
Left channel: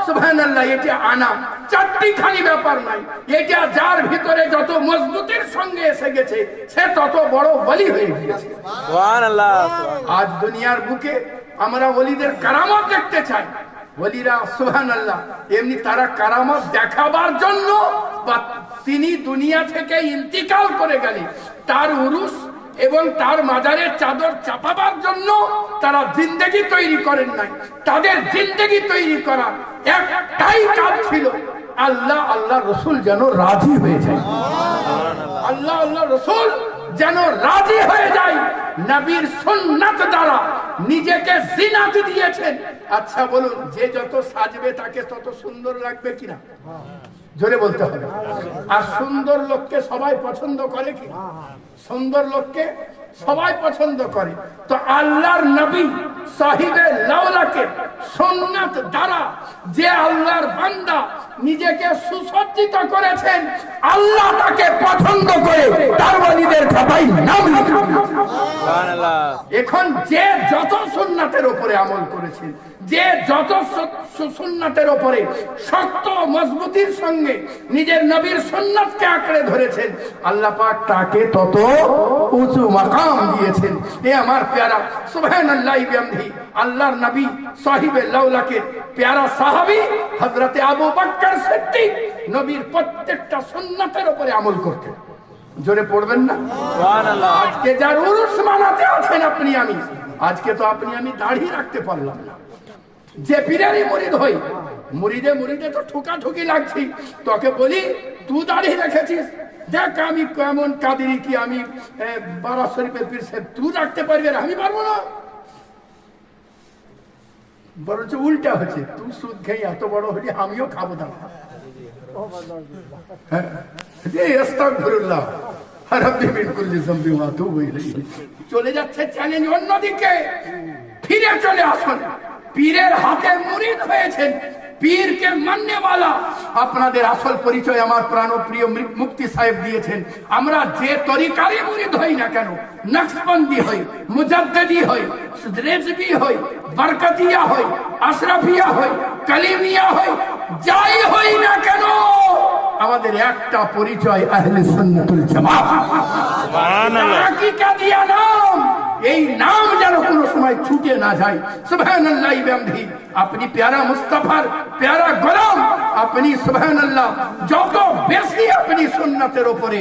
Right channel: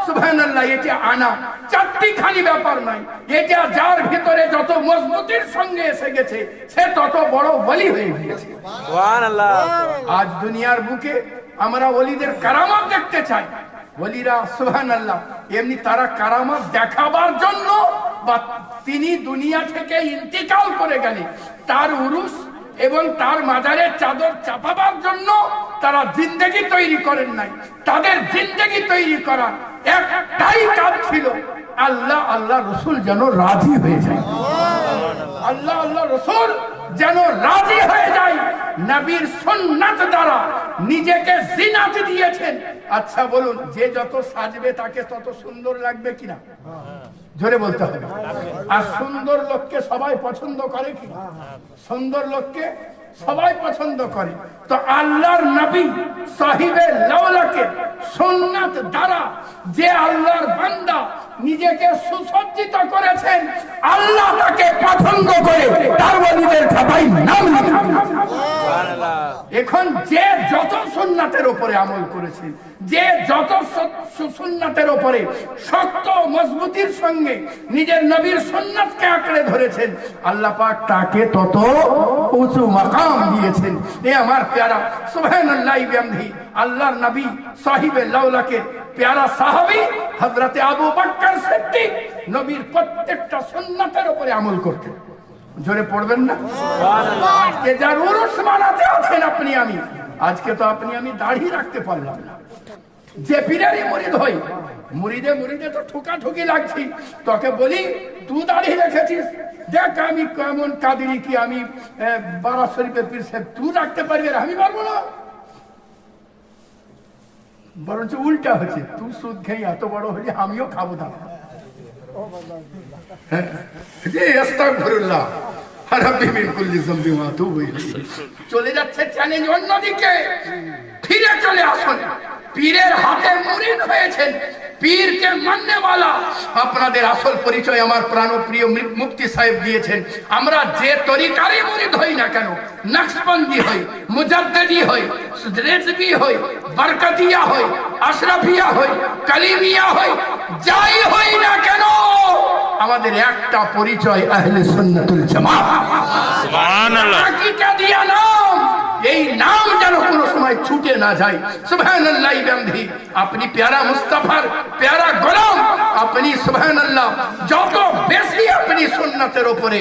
সুবহানাল্লাহ, এটা আনা চারটিখানি ব্যাপার নাই। এটা যার ভিতরে যত মজবুতির সঙ্গে এসে গেছে, সে তত বড় ওলি হয়ে গিয়েছে। সুবহানাল্লাহ। আজ দুনিয়ার বুকে আমরা ওলিদের কারামত দেখতে চাই। ওলিরা সুবহানাল্লাহ এমনি তারা কারামত দেখাবার জন্য, বা তিনি দুনিয়া থেকে ইন্তিকাল করে গেলে তার উরুস এবং তার মাজারের চাদর চাপাবার জন্য তারা জিন্দেগি তৈরি করেন নাই। তাদের জিন্দেগি তৈরি করার একটাই কাজ ছিল, আল্লাহ আল্লাহ রসুল যেন রাজি হয়ে যায়। আল্লাহ আল্লাহ রসুল যেন রাজি হয়ে যায়। নবীর সুন্নাত দ্বারা নিজেকে জিনাতে দিয়েছেন। আচ্ছা বলুন, যে যত সাজবে তাকে তত সুন্দর লাগবে কিনা? জোরে বলতে হবে। আর সুন্দর লোককে সবাই পছন্দ করে কি? সুন্দর লোককে সবাই পছন্দ করে। তো আল্লাহর নবী সাহিবে লাওলাকে সুন্নাত দ্বারা যে আল্লাহর বান্দা নিজেকে সুসজ্জিত করেছেন, আল্লাহ তাকে পছন্দ করে তার নবীদের খাতায় নাম লিখেছেন। এখন যে যত সুন্নাতের উপরে আমল করেছেন, যে যত সুন্নাতের উপরে শক্ত মজবুতির সঙ্গে নিজের নবীর সুন্নাতকে আঁকড়ে ধরেছেন, আল্লাহ পাক তাকে তত উঁচু মাকাম দিয়েছেন। এ আমার প্যারা সুবহানাল্লাহি বিহামদিহি আল্লাহর নবী সাহিবে লাওলাকে প্যারা সাহাবী হযরতে আবু বকর সিদ্দিক নবীর প্রত্যেকটা সুন্নাতের উপরে আমল করতেন। জোরে পড়বেন না? আজকে যার উরুস মানাতে আছেন আপনি আমি, আজকে তো আপনি আমি দাড়ি রাখতে পারলাম না। যে পীরেরই মুরিদ হই, মুরিদে তো ঠোকাঠুকি লাগছি। তোকে বলি তুই দাড়ি রেখেছিস, দেখ আমি কেমন কাদেরি কি, আমি বারা শরীফের পীর সাহেব, তুই রাখতে পারবি আর আমি পারবো না। বরঞ্চ উল্টা হচ্ছে, তুই সুদ খেয়ে এত বড় হলি, আমিও খাবো না। চলে যাচ্ছে চ্যালেঞ্জ অন্যদিকে। ফিরে চলে আসুন, পীরের হাতে মুরিদ হয়েছেন, পীরকে মাননেওয়ালা। আপনাদের আসল পরিচয় আমার প্রাণপ্রিয় মুফতি সাহেব দিয়েছেন। আমরা যে তরিকারই মুরিদ হই না কেন, নকশবন্দি হই, মুজাদ্দিদি হই, রেজবি হই, বরকতিয়া হই, আশরাফিয়া হই, কালিমিয়া হই, যাই হই না কেন, আমাদের একটা পরিচয় আহলে সুন্নাতুল জামাত। সুবহানাল্লাহ। হাকিকা দিয়া নাম, এই নাম যেন কোনো সময় ছুটে না যায়। সুবহানাল্লাহি বিহামদিহি। আপনি প্যারা মুস্তাফার প্যারা গোলাম, আপনি সুবহানাল্লাহ যত বেশি আপনি সুন্নাতের উপরে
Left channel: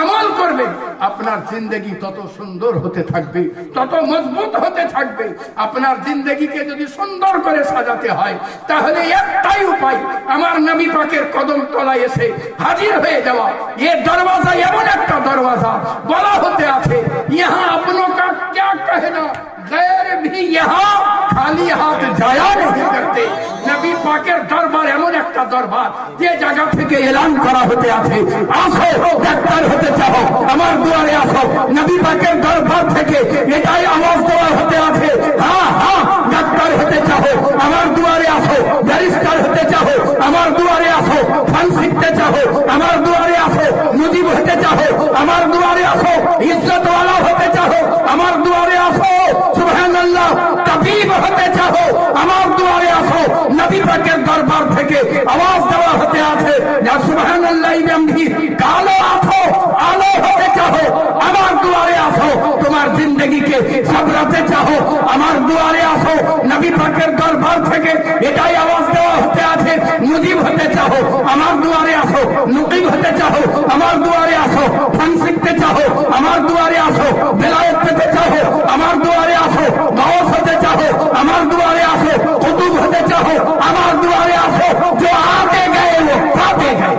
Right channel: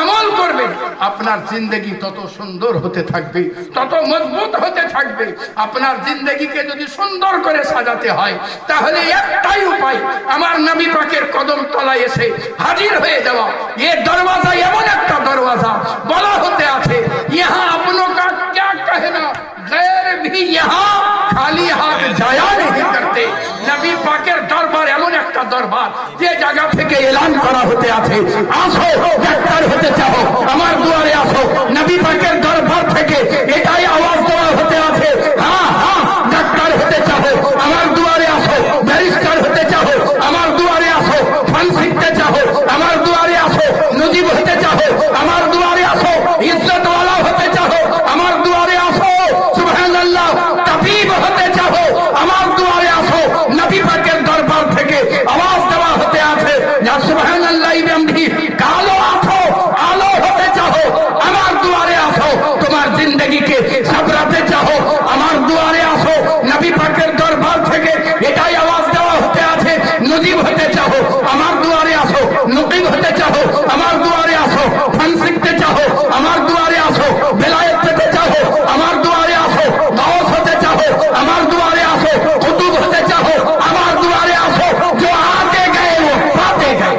আমল করবেন, আপনার জিন্দগি তত সুন্দর হতে থাকবে, তত মজবুত হতে থাকবে। আপনার জিন্দগিকে যদি সুন্দর করে সাজাতে হয়, তাহলে একটাই উপায়, আমার নবী পাকের কদম তলায় এসে হাজির হয়ে যাওয়া। এই দরওয়াজা এমন একটা দরওয়াজা বলা হতে আছে, ইহা আপনো কা क्या कहना, गैर भी यहाँ खाली हाथ जाया नहीं करते। নবী পাকের দরবার এমন একটা দরবার, যে জায়গা থেকে এলান করা হতে আছে, আসো ডাক্তার হতে চাও আমার দুয়ারে আসো। নবী পাকের দরবার থেকে এটাই আওয়াজ দেওয়া হতে আছে, হ্যাঁ হ্যাঁ ডাক্তার হতে চাও আমার দুয়ারে আসো, ব্যারিস্টার হতে চাও আমার দুয়ারে আসো, ফান শিখতে চাও আমার দুয়ারে আসো, মুজিব হতে চাও আমার দুয়ারে আসো, ইজ্জত ওয়ালা হতে চাও আমার দুয়ারে আসো, সুবহানাল্লাহ তাবিব হতে চাও আমার দুয়ারে আসো। নবী পাকের দরবার থেকে আওয়াজ দেওয়া হতে আছে, যা সুবহানাল্লাহ বিহামদিহি কালো ওঠো, আলো হতে চাও আমার দুয়ারে আসো। তোমার জিন্দগিকে সাবরাতে চাও আমার দুয়ারে আসো। নবী পাকের দরবার থেকে এটাই আওয়াজ দেওয়া হতে আছে, মুজিব হতে চাও আমার দুয়ারে আসো, মুকিম হতে চাও আমার দুয়ারে আসো, ফান শিখতে চাও আমার দুয়ারে আসো, বেলায়েত পেতে চাও আমার দুয়ারে আসো, গাওস হতে চাও আমার দুয়ারে আসো, কুতুব হতে চাও আমার দুয়ারে আসো। जो आते गए वो पाते गए,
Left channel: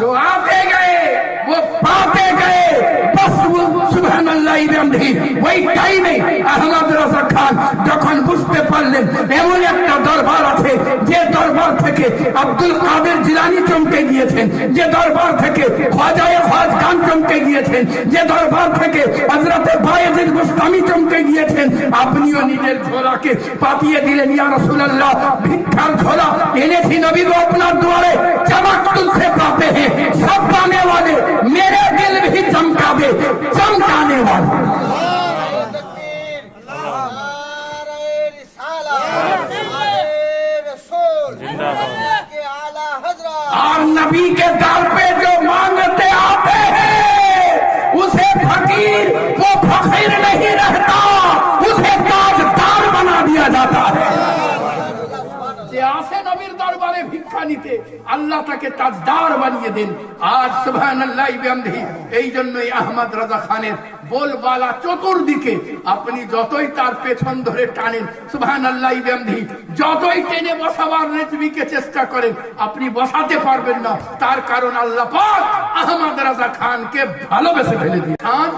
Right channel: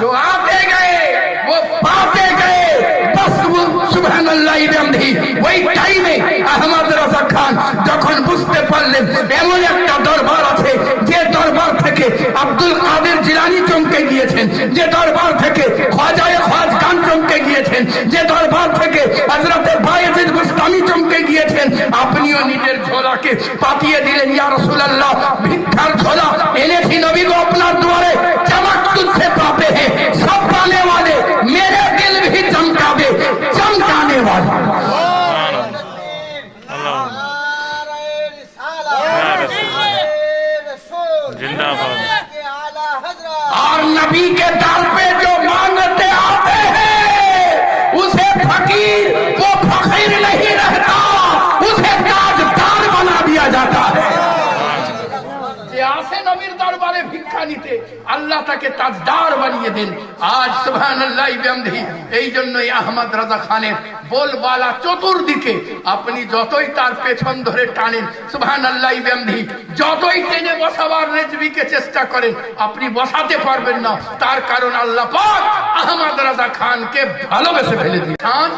जो आते गए वो पाते गए। बस वो সুবহানাল্লাহ বিহামদিহি ওই টাইমে আহমদ রাজা খান যখন বুঝতে পারলেন এমন একটা দরবার আছে, যে দরবার থেকে আব্দুল কাদের জিলানী চমকে গিয়েছেন, যে দরবার থেকে খাজায়ে খাজগান চমকে গিয়েছেন, যে দরবার থেকে হযরতে বায়েজিদ বুস্তামি চমকে গিয়েছেন, আপনিও নিজের ঝোলাকে পাঠিয়ে দিলেন, ইয়া রাসূলুল্লাহ ভিক্ষার ঝোলা এনেছি নবী গো আপনার দুয়ারে, चमक तुझसे पाते हैं सब पाने वाले, मेरे दिल भी चमका दे चमकाने वाले। और नबी के दर पे जो मांगते आते हैं, उसे फकीर वो फकीर नहीं रहता, उसे ताजदार बना दिया जाता है। যে আসে নবীর দরবারে ভিক্ষা নিতে, আল্লাহ তাকে তাজদার বানিয়ে দেন। আজ সুবহানাল্লাহ বিহামদিহি এই জন্যই আহমদ রাজা খানের बोलबाला চতুর্দিকে আপনি যতই তার পেছন ধরে টানেন সুবহানাল্লাহ বিহামদিহি যতই টেনে বসাবার রেজবিকে চেষ্টা করেন আপনি বসাতে পারবেন না তার কারণ আল্লাহ পাক আহমদ রাজা খানকে ভালোবেসে ফেলে দিয়েছেন। খান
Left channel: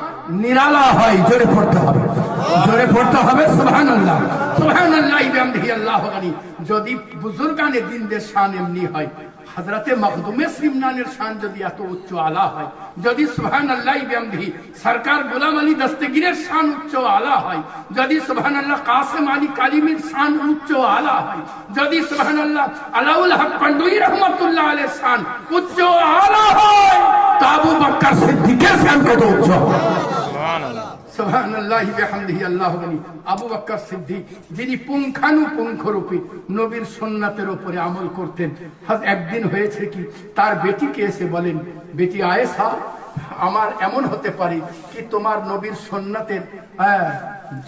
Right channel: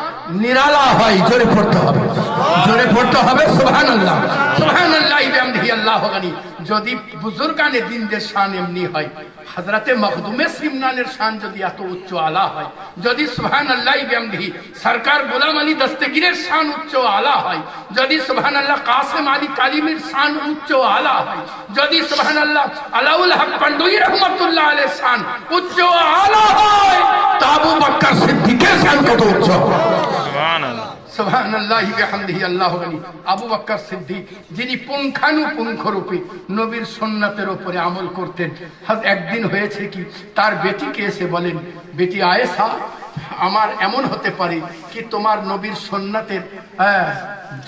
নিরালা হয় জোরে পড়তে হবে। জোরে পড়তে হবে সুবহানাল্লাহ। সুবহানাল্লাহ বিহামদিহি আল্লাহু গনি। যদি বুজুর্গানে দিনদের শান এমনি হয়, হযরতে মখদুমে সিমনানের শান যদি এত উচ্চ আলা হয়, যদি সুবহানাল্লাহ বিহামদিহি সরকার গোলাম আলী দস্তগীরের শান উচ্চ আলা হয়, যদি সুবহানাল্লাহ কাসিম আলী কালিমের শান উচ্চ আলা হয়, যদি সুবহানাল্লাহ আলাউল হক পান্ডুই রহমাতুল্লাহ আলাইহির শান উচ্চ আলা হয়, তা আবু বকর সিদ্দিকের শান কত উচ্চ। সুবহানাল্লাহ সুবহানাল্লাহ বিহামদিহি আল্লাহু গনি। আবু বকর সিদ্দিক যিনি পুঙ্খানুপুঙ্খ রূপে নবীর সুন্নাতের উপরে আমল করতেন। একদিন হয়েছে কি, তার বেটিকে এসে বলেন, বেটি আয়েশা, আমার এমন হতে পারে কি তোমার নবীর সুন্নাতের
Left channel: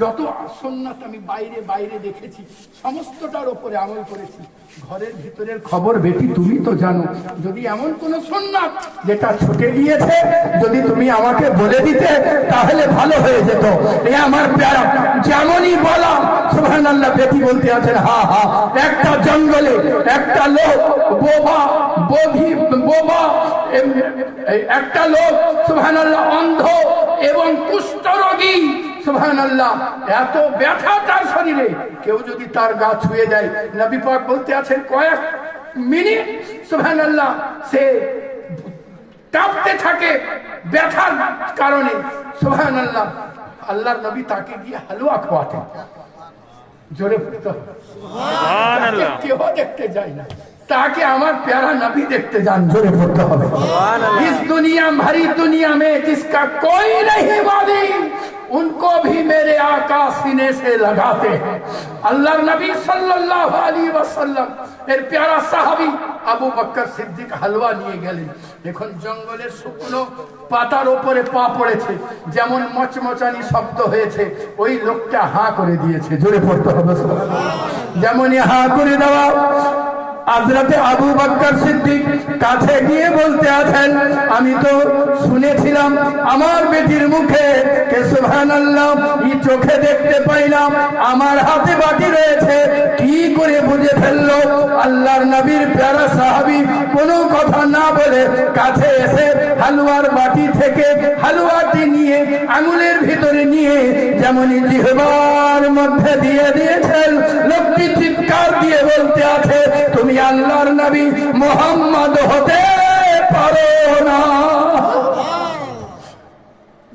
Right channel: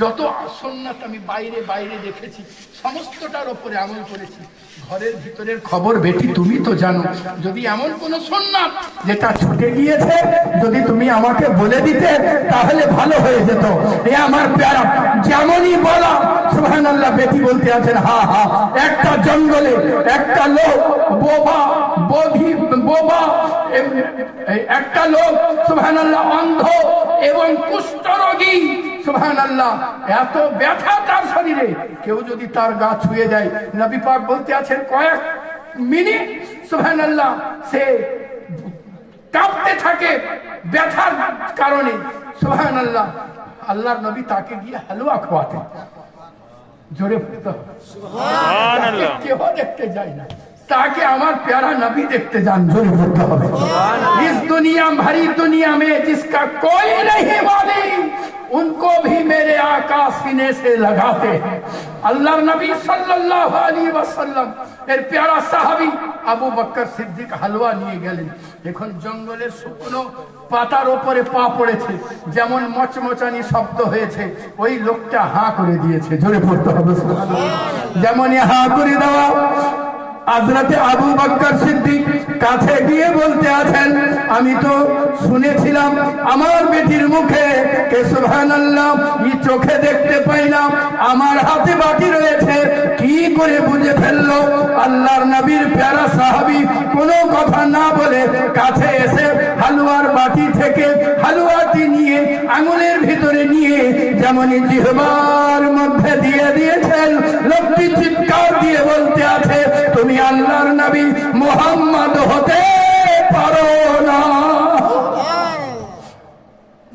যত সুন্নাত আমি বাইরে বাইরে দেখেছি সমস্তটার উপরে আমল করেছি, ঘরের ভিতরের খবর বেটি তুমি তো জানো, যদি এমন কোন সুন্নাত যেটা ছুটে গিয়েছে যদি তুমি আমাকে বলে দিতে তাহলে ভালো হয়ে যেত। এ আমার প্যারা যেমনই বলো সুবহানাল্লাহ, বেটি বলতে আছেন, হ্যাঁ হ্যাঁ, একটা জঙ্গলে একটা লোক বোবা একটা লোক সুবহানাল্লাহ অন্ধ এবং কুষ্ঠরোগী, সুবহানাল্লাহ এত ব্যথা তার শরীরে, কেউ যদি তার গা ছুঁয়ে দেয়, নবী পাক বলতে আছেন কয়েক মিনিট সুবহানাল্লাহ সে কাঁপতে থাকে ব্যথার কারণে। সুবহানাল্লাহ আল্লাহর নবী তাকে গিয়ে হালুয়া খাওয়াতেন। জোরে সুবহানাল্লাহ। কেউ দেখতে যায় না, ताकि हमारे प्यारा नबी देखते जान। जोरे बोलते हैं, इस दुनिया भरी दुनिया में जिसका कोई नहीं मालिक उनको भी मेरे आका सीने से लगाते हैं। अल्लाह नबी सल्लल्लाहु अलैहि वसल्लम এর প্যারা সাহাবী আবু বকর সিদ্দিক হালুয়া নিয়ে গেলেন। এখন জঙ্গলের শুকনো পাতার উপরে পা পড়েছে, যেমন মচমচানি শব্দ হয়েছে, ওই লোকটা হাঁ করে দিয়েছে। জোরে পড়তে হবে, যেমন হাঁ করে দাও। হযরতে আবু বকর সিদ্দিক কাছে গিয়ে বলতে আছেন, আমি তো শুনেছিলাম আমার বেটির মুখে কে সুবহানাল্লাহ এই চোখে দেখতে পাই না, আমার হাতে বাটি রয়েছে, কি করে বুঝে ফেললো? আল্লাহর নবীর প্যারা সাহাবী কোনো কথা না বলে কাছে এসে হালুয়ার বাটি থেকে হালুয়াটি নিয়ে আঙুলের ভিতরে নিয়ে যেমনই জিহ্বার মধ্যে দিয়ে দিয়েছেন, লোকটি চিৎকার দিয়ে বলতে আছে, তুমি আল্লাহর নবী মুহাম্মদ হতে পারো না।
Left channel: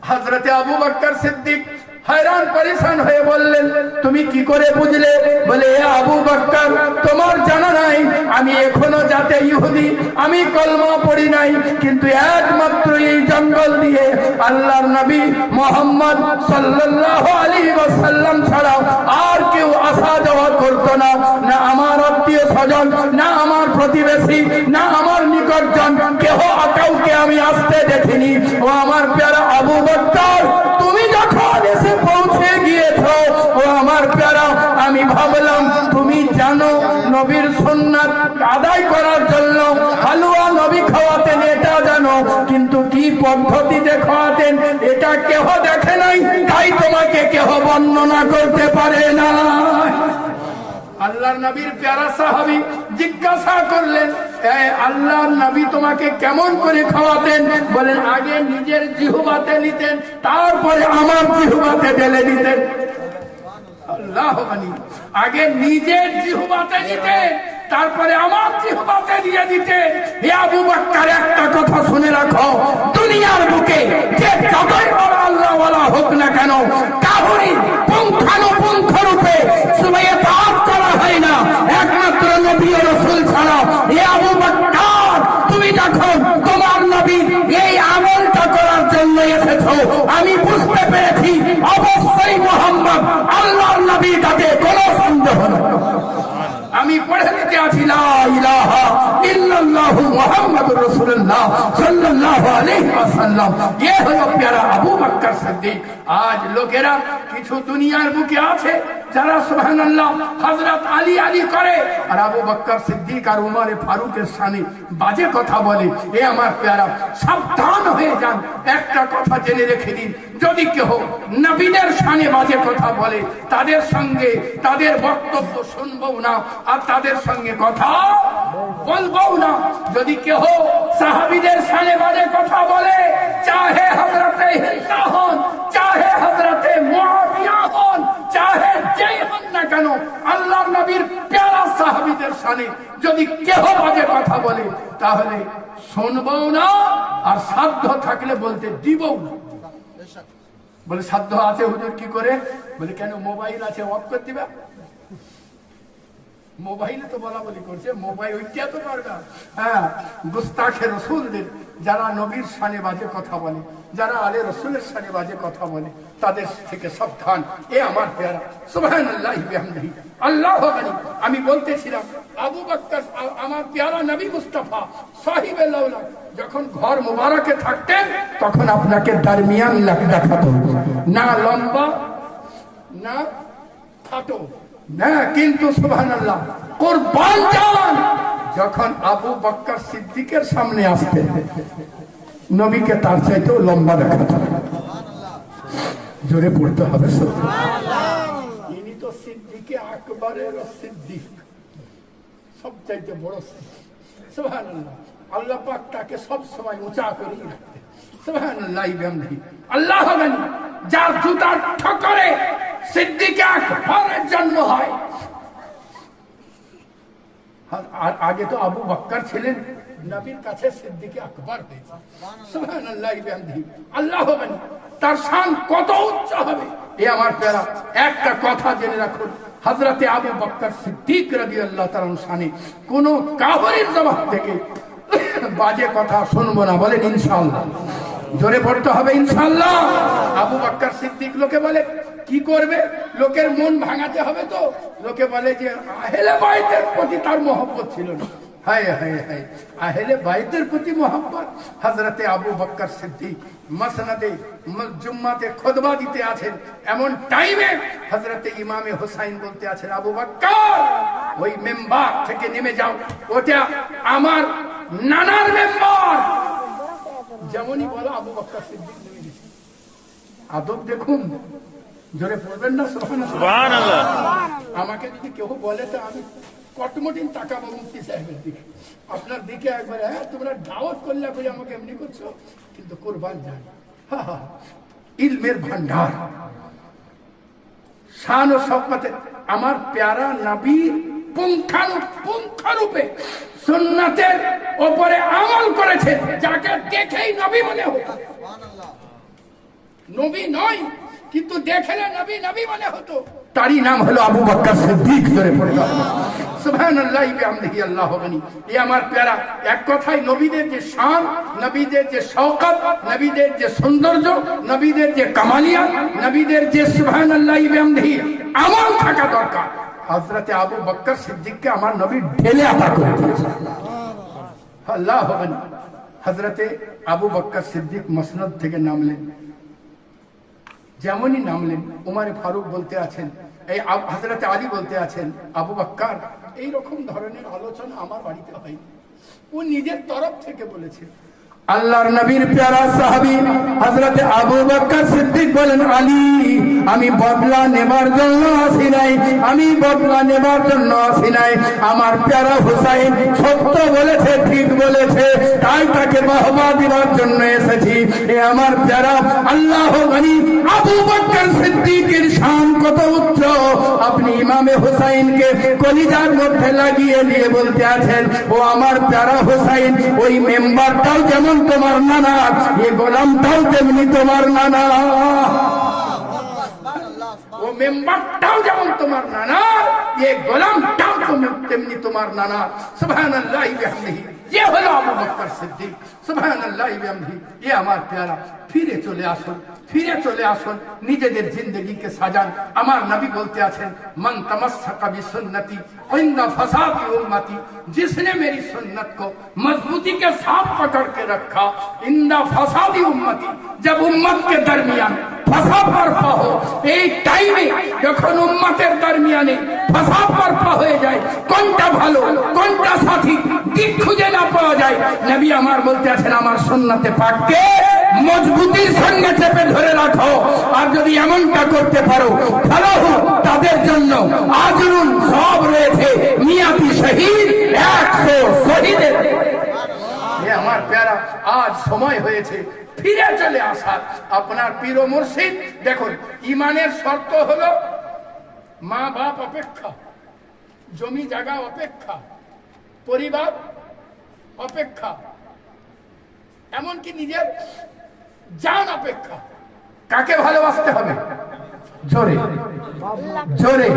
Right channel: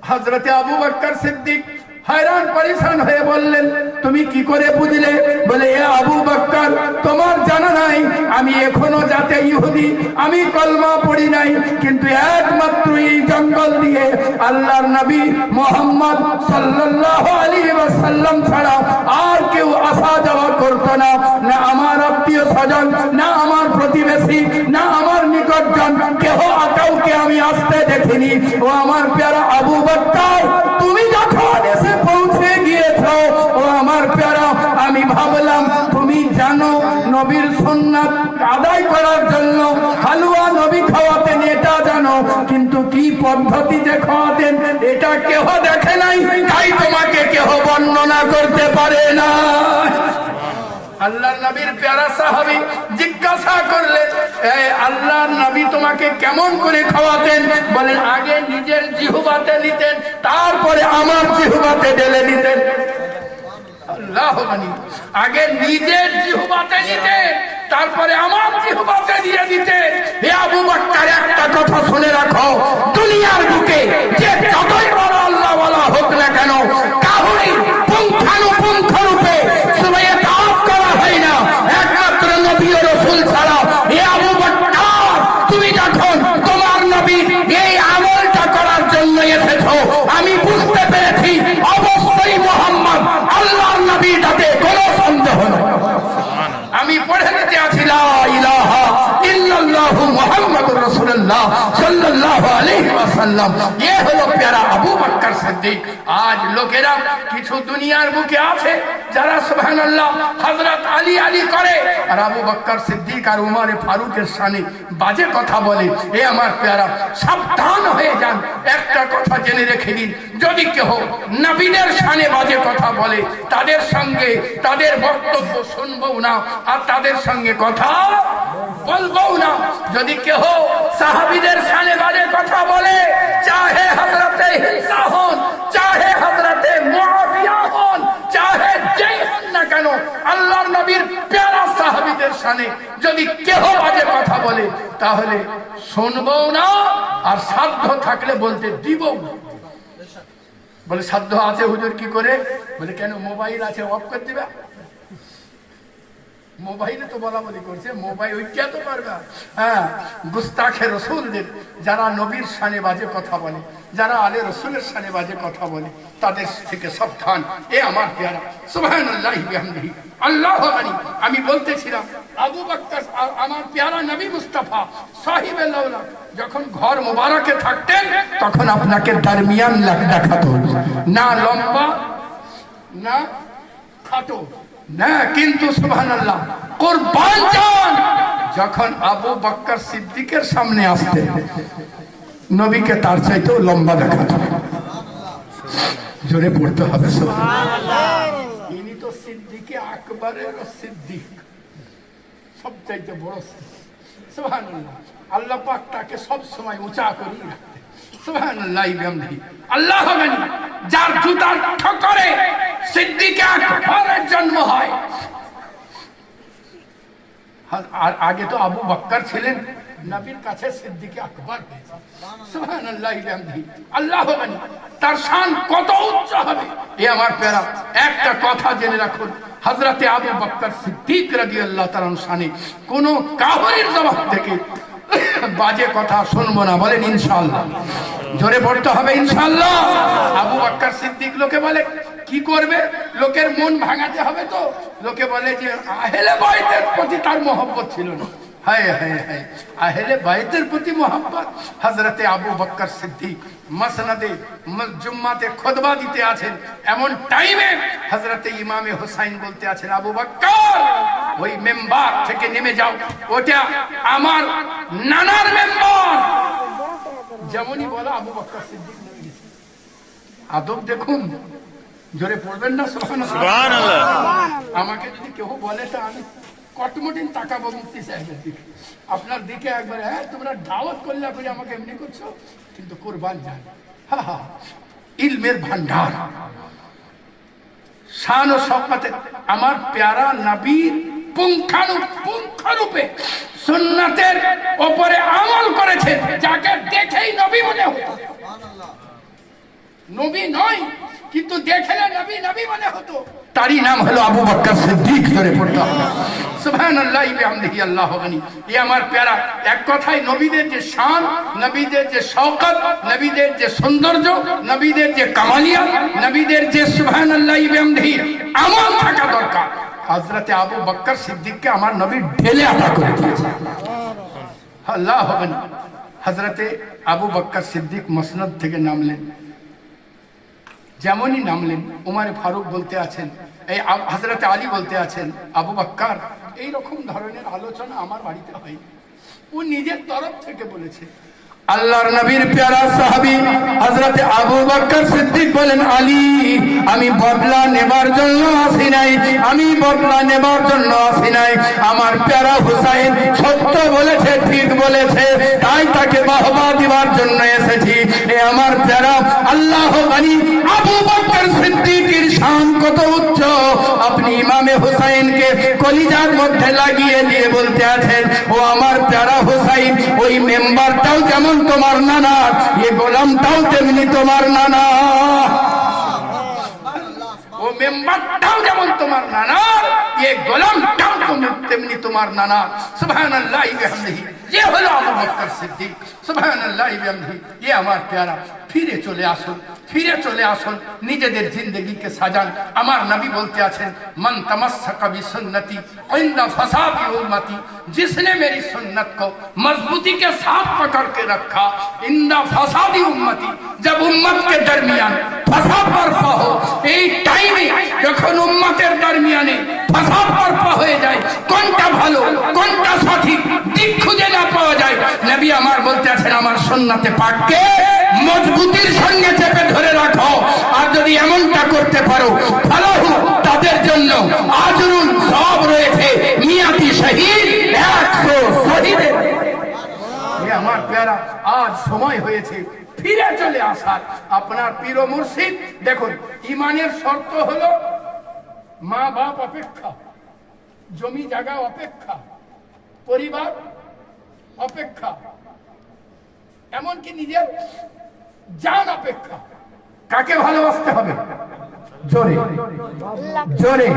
হযরতে আবু বকর সিদ্দিক हैरान परेशान হয়ে বললেন, তুমি কি করে বুঝলে? বলে, আবু বকর তোমার জানা নাই আমি এখনো জাতে ইহুদি, আমি কলমা পড়ি নাই, কিন্তু একমাত্র এই জঙ্গল দিয়ে আল্লাহর নবী মুহাম্মদ সাল্লাল্লাহু আলাইহি ওয়াসাল্লাম ছাড়া আর কেউ আসা যাওয়া করত না, না আমার আত্মীয় স্বজন, না আমার প্রতিবেশী, না আমার নিকটজন, কেউ কাউকে আমি আসতে দেখিনি। ও আমার প্যারা আবু বকর, তুমি যখন এসে পৌঁছে গিয়েছো, ও আমার প্যারা, আমি ভাবলাম তুমি জানো নবীর সুন্নাত আদায় করার জন্য হালুয়া নবী খাওয়াতেন, এটা জানো, কিন্তু কি পদ্ধতিতে খাওয়াতেন এটা কেহ দেখে নাই, তাই তোমাকে কেহ বর্ণনা করতে পারে না। আল্লাহর নবীর প্যারা সাহাবী জিজ্ঞাসা করলেন, আল্লাহর নবী তোমাকে কেমন করে খাওয়াতেন? বলেন, আগে নিজের জিহ্বাতে নিতেন, তারপরে আমার জিহ্বাতে ঢেলে নিতেন। আল্লাহু আকবার। আগে নিজের জিহ্বাতে নিতেন, তারপরে আমার জিহ্বাতে দিয়ে দিতেন। হে আবু বকর, একটা কথা শুনে রাখো, দুনিয়ার বুকে যে যতই বড় আল্লাহ ওয়ালা হোক না কেন, কাউকে পুঙ্খানুপুঙ্খ রূপে সুরায়ে তাওয়াফ করা হয় না একমাত্র নবী ও রাসূল ছাড়া। হে আবু বকর, তুমি যখন তোমার নবী এই আমলটা করার জন্য এসেছো, আমি বুঝতে পেরেছি অবশ্যই মুহাম্মদ আল্লাহর নবী, তাতে কোনো সন্দেহ নেই। আমি পড়ে নিতে আছি, লা ইলাহা ইল্লাল্লাহু মুহাম্মাদুর রাসূলুল্লাহ সাল্লাল্লাহু আলাইহি ওয়াসাল্লাম। ये হলো প্যারা আবু বকর সিদ্দিক। আজ লোকেরা কিছু দুনিয়ার বুকে আছে যারা সুবহানাল্লাহ হযরত আলী আলী করে, আর আবু বকর সিদ্দিক আর উমরে ফারুকের শানে বাজে কথা বলে। এ আমার প্যারা, সাবধান হয়ে যান। একটা কথা জেনে রেখে দিন, যদি কেহ নবীদের শানে বাজে কথা বলে, তাদের সঙ্গে তাদের বক্তব্য শুনবো না আর তাদের সঙ্গে কথা বলবো না। যদি কেহ সাহাবীদের শানে বাজে কথা বলে, চাহে হযরতে হিন্দা হন, চাহে হযরতে মুআবিয়া হন, যেই হন না কেন, আল্লাহর নবীর প্যারা সাহাবীদের শানে যদি কেহ বাজে কথা বলে তাহলে শুনবো না, আর সাধ্য থাকলে বলতে দিব না। বলে সাধ্য আছে হুজুর কি করে? বলে কেন মোবাইল আছে, অফ করে দিবা? মোবাইলে তো বলা বলি করছে, মোবাইল ওইটা তো পারবা। হ্যাঁ, গুস্তাখে রসুলদের, যারা নবীর শানে বাজে কথা বলে, যারা আলে রসুলের শানে বাজে কথা বলে, তাদের থেকে সাবধান। এ আমার পেয়ারা, সুবহানাল্লাহি বিহামদিহি, আল্লাহু আকবার। আমি বলতেছিলাম আবু বকর আমার পেয়ারা নবী মুস্তাফা সাহিবে লাউলা যখন ঘর মোবারকে থাকতেন তখন আপনাকে দরমিয়ান দেখাতো না, লম্বা না খাটো না, কিন্তু সুবহানাল্লাহ কুরবান জান যখন আবু বকর সিদ্দিকের সামনে আসতেন নবীকে তার চাইতেও লম্বা দেখাতো। জোরে পড়তে হবে সুবহানাল্লাহ। ইনি তো সিদ্দিকে আকবরের সিদ্দিক, সবচাইতে বড় সিদ্দিক। সুবহানাল্লাহ। আল্লাহ পাক তাকে সব সময় উঁচা করে রাখতেন। সুবহানাল্লাহ বিহামদিহি, আল্লাহু আকবার। যার জুতার ঠোকরে সিদ্দিকে আকবরের জন্ম হয়। আর আগে তো আবু বকর ছিলেন, নবীর কাছে সিদ্দিকে আকবর হয়েছে। সুবহানাল্লাহ বিহামদিহি, আল্লাহু আকবার। তার শান কত উচ্চ হবে এ আমার প্যারা। একটা কথা জেনে রাখুন, হযরতে আবু বকর সিদ্দিক রাদিয়াল্লাহু তাআলা শানে কোন কাফিরের জবান থেকে বাজে কথা শুনবো না। বলেন ইনশাআল্লাহ। জোরে পড়তে হবে ইনশাআল্লাহ। আবু বকর সিদ্দিক লোকে বলে কি করবে, লোকের মন ভাঙাতে হবে তো। লোকে বলে যে আহলে বাইতের প্রতি তার মহব্বত ছিল না। হায় হায় হায়, আহলে বাইতের প্রতি মহব্বত। হযরতে আবু বকর সিদ্দিক মসনদে জুম্মাতে খুতবা দিতে আছেন, এমন টাইমে হযরতে ইমামে হুসাইন বলতে আছেন আবু বকর ওই মেম্বার থেকে নেমে যাও, ওটা আমার নানার মেম্বার। যেমনই বলো আবু বকর সিদ্দিক নেমে গেছে। আদব দেখুন, জোরে পড়বেন না সুবহানাল্লাহ। আমাকে যদি কেউ বলে তো আমি কটমটিন তাকাবো মুফতি সাহেবের দিকে, আপনার দিকে একবার। হ্যাঁ, তোমরা দাওয়াত করলে করে আমাকে এমনি করছো, কিন্তু কুরবান যান। ইলমের ভান্ডার, শান ও শওকতে আমার প্যারা নবীর পুঙ্খানুপুঙ্খরূপে সুন্নাতের উপরে আমল করেছে, যাকে দেখেই নবী মনে হতো। নবী নয় কিন্তু দেখলে নবী নবী মনে হতো। তারই নাম হলো আবু বকর সিদ্দিক। ধরে পড়তে হবে সুবহানাল্লাহি বিহামদিহি, আল্লাহু আকবার। এই আমার প্যারা এক কথায় নবীদের যে শান, নবীদের যে শওকত, নবীদের যে সৌন্দর্য, নবীদের যে কামালিয়া, নবীদের যে সুবহানাল্লাহি বিহামদিহি আমল থাকা দরকার। হযরতে আবু বকর সিদ্দিককে আমার নবী ঢেলে আটা করে দিয়েছে। আল্লাহু আকবার। হযরতে আবু বকর সিদ্দিক মসনদ থেকে নামলেন, যেমনই নামলেন উমর ফারুক বলতে আছেন, এই হযরতে আলী বলতে আছেন আবু বকর এই রকম ধরনের আলোচনা আমার বাড়িতে হয়। ও নিজের তরফ থেকে বলেছে। আল্লাহর নবীর প্যারা সাহাবী হযরতে আবু বকর সিদ্দিক বলেন আলী আমি বদলা নেবার জন্য আসি নাই, আমি বদলা নেবার জন্য আসি নাই। আমার প্যারা হুসাইন সত্য বলেছে, ঠিক বলেছে, তাই তাকে বাহবা দেওয়ার জন্য এসেছি। এ আমার প্যারা আল্লাহু গনি আবু বকর সিদ্দিকের শান কত উচ্চ। আপনি ইমামে হুসাইনকে কলিজার মধ্যে লাগিয়ে দিয়ে বলতে আছেন ও আমার প্যারা হুসাইন ওই মেম্বারটাও যেমন তোমার নানা, এ গোলামটাও তেমনি তোমার নানা। ও মেম্বারটাও যেমন তোমার নানা, এ গোলামটাও তেমনি তোমার নানা। সুবহানাল্লাহি বিহামদিহি, ये হলো আবু বকর সিদ্দিক। সুবহানাল্লাহি বিহামদিহি। এ আমার প্যারা ফিরে চলে আসুন, ফিরে চলে আসুন, নিজেদের জিন্দগিকে সাজান। আমার নবী বলতে আছেন মান তমাসসাকা বিসুন্নতি ইনদা ফাসাদি উম্মতি, जिसने मेरी सुन्नत को मजबूती के साथ पकड़ के रखा इंदा फसादी उम्मती, जब उम्मत के दरमियान फसाद बर्पा हो, এই টাইমে যখন উম্মতের দরমিয়ানে ফসাদ বর্পা হয়ে যায়, কোনটা ভালো কোনটা সঠিক দিক খুঁজে না পাওয়া যায়, নবী আমার বলতে আছেন আমার সুন্নতে পাককে মজবুতির সঙ্গে চেপে ধরে রাখো। আর যদি এমনটা করতে পারো ফালাহু, তাদের জন্য আজরুন সওয়াব রয়েছে, নিয়াতি শহীদ 100 শহীদের। আমার প্যারা আজ সময় হয়েছে ফিরে চলে আসার। আপনার পীর ও মুর্শিদ দেখুন, ইমানের শর্ত হলো মা বাপ অপেক্ষা, জমি জায়গা অপেক্ষা, পরিবার অপেক্ষা, এমনকি নিজের জান অপেক্ষা। কাকে ভালোবাসতে হবে? জোরে জোরে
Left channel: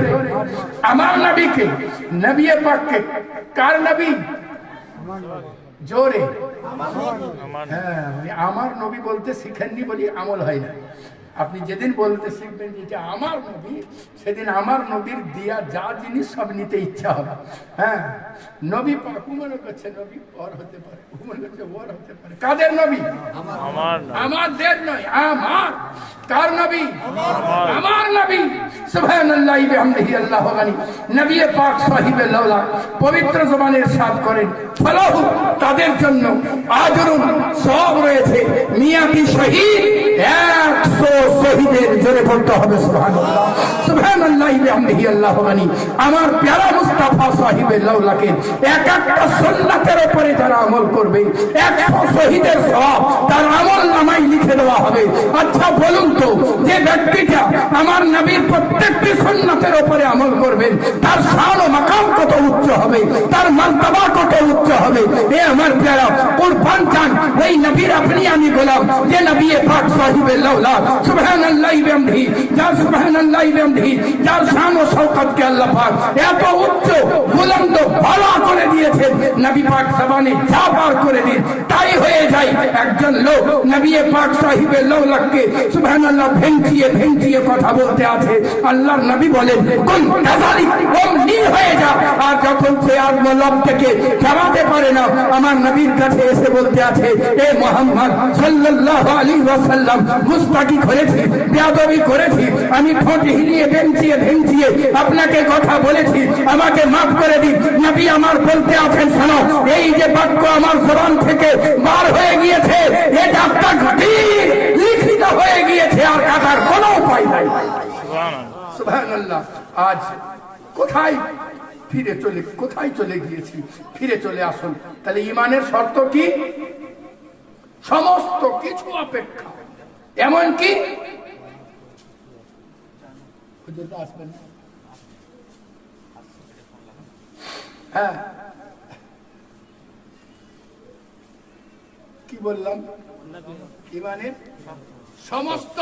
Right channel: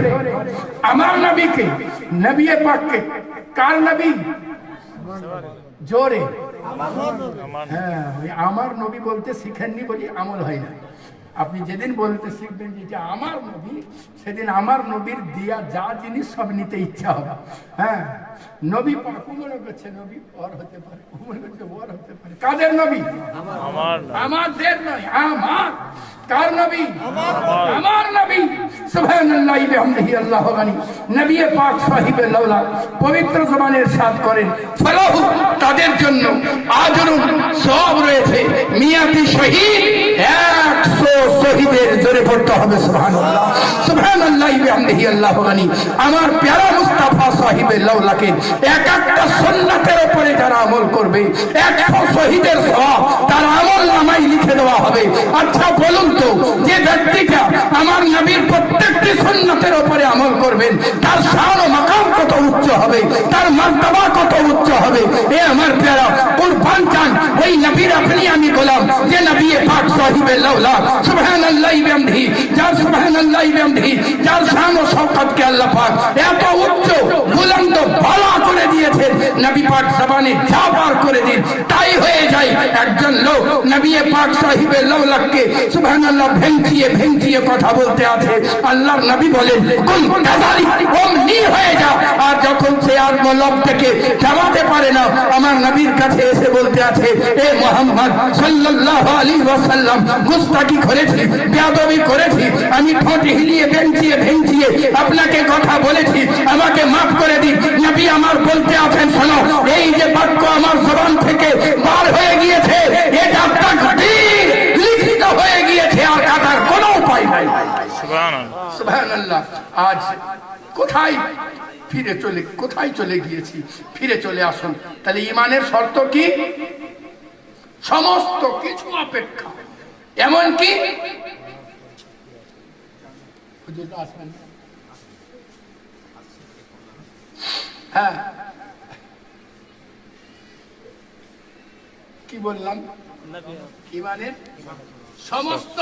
আমার নবীকে, নবী পাককে। কার নবী? জোরে হ্যাঁ, আমার নবী বলতে শিখেননি বলি আমল হয় না। আপনি যেদিন বলতে শিখবেন যে আমার নবী, সেদিন আমার নবীর দিয়া যা জিনিস সব নিতে ইচ্ছা হবে। হ্যাঁ, নবী পাক মনে করছে নবী ওর হতে পারে, মনে করছে ওর হতে পারে। কাদের নবী? আমাদের নয়, আমার। কার নবী? আমার নবী। সুবহানাল্লাহি ওয়া বিহামদিহি আল্লাহু গানি। নবী পাক সাহিবে লাউলা পবিত্র জবানে ইরশাদ করেন, ফলাহু তাদের জন্য আজরুন সওয়াব রয়েছে, মিয়াতি শহীদ 100 শহীদের। জোরে পড়তে হবে সুবহানাল্লাহ। সুবহানাল্লাহি ওয়া বিহামদিহি আল্লাহু গানি। আমার প্যারা মুস্তাফা সাহিবে লাউলাকে এক একটা সুন্নাতের উপরে যারা আমল করবে 100 শহীদের সওয়াব তার আমল নামায় লিখে দেওয়া হবে। আচ্ছা বলুন তো, যে ব্যক্তিটা আমার নবীর প্রত্যেকটি সুন্নাতের উপরে আমল করবেন, তার শান ও মাকাম কত উচ্চ হবে, তার মর্যাদা কত উচ্চ হবে। এ আমার প্যারা কুরবান চান ওই নবীর আপনি আমি বললাম যে নবী পাক সাহিবে লাউলা সুবহানাল্লাহি ওয়া বিহামদিহি, যার সুবহানাল্লাহি ওয়া বিহামদিহি, যার শান ও শওকতকে আল্লাহ পাক এত উচ্চ বুলন্দ বালা করে দিয়েছেন, নবী পাক জবানে যা বার করে দিন তাই হয়ে যায়। একজন লোক নবী পাক সাহিবে লাউলাকে সুবহানাল্লাহ ভেঙচিয়ে ভেঙচিয়ে কথা বলতে আছে। আল্লাহর নবী বলেন কুল কাযালিক অমনি হয়ে যা। আর যখন সে আর মলব থেকে চালাতে পারে না, আমার নবীর কাছে এসে বলতে আছে, এ মুহাম্মদ সাল্লাল্লাহু আলাইহি ওয়াসাল্লাম, গুস্তাখি করেছি, বেয়াদবি করেছি, আমি ঠোঁট হিলিয়ে ভেঙচিয়ে ভেঙচিয়ে আপনাকে কথা বলেছি, আমাকে মাফ করে দিন। নবী আমার বলতে আছেন, শোনো, এই যে বাক্য আমার জবান থেকে বার হয়ে গিয়েছে, এটা তাকদীর লিখিত হয়ে গিয়েছে, আর কাটার কোনো উপায় নাই। সুবহানাল্লাহ। আজ কোথায় কোথায় চলে গিয়েছি? ফিরে চলে আসুন। তাহলে ঈমানের শর্ত কি? সমস্ত কিছু অপেক্ষা, এমনকি হ্যাঁ কি বললাম? ঈমানের সমস্ত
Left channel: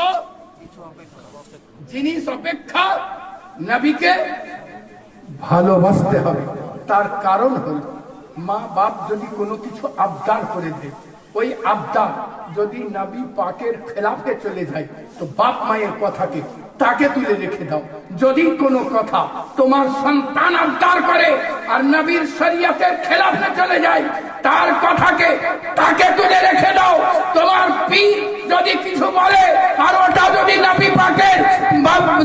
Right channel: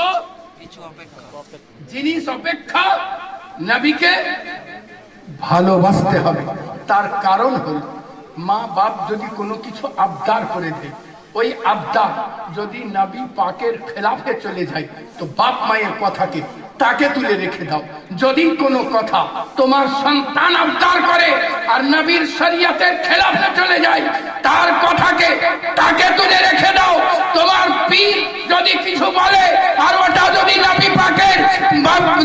জিনিস অপেক্ষা নবীকে ভালোবাসতে হবে। তার কারণ হল, মা বাপ যদি কোনো কিছু আবদার করে দেয়, ওই আবদার যদি নবী পাকের খেলাফে চলে যায়, তো বাপ মায়ের কথাকে তাকে তুলে রেখে দাও। যদি কোনো কথা তোমার সন্তান আবদার করে আর নবীর শরীয়তের খেলাফে চলে যায়, তার কথাকে তাকে তুলে রেখে দাও। তোমার পীর যদি কিছু বলে আর ওটা যদি নবী পাকের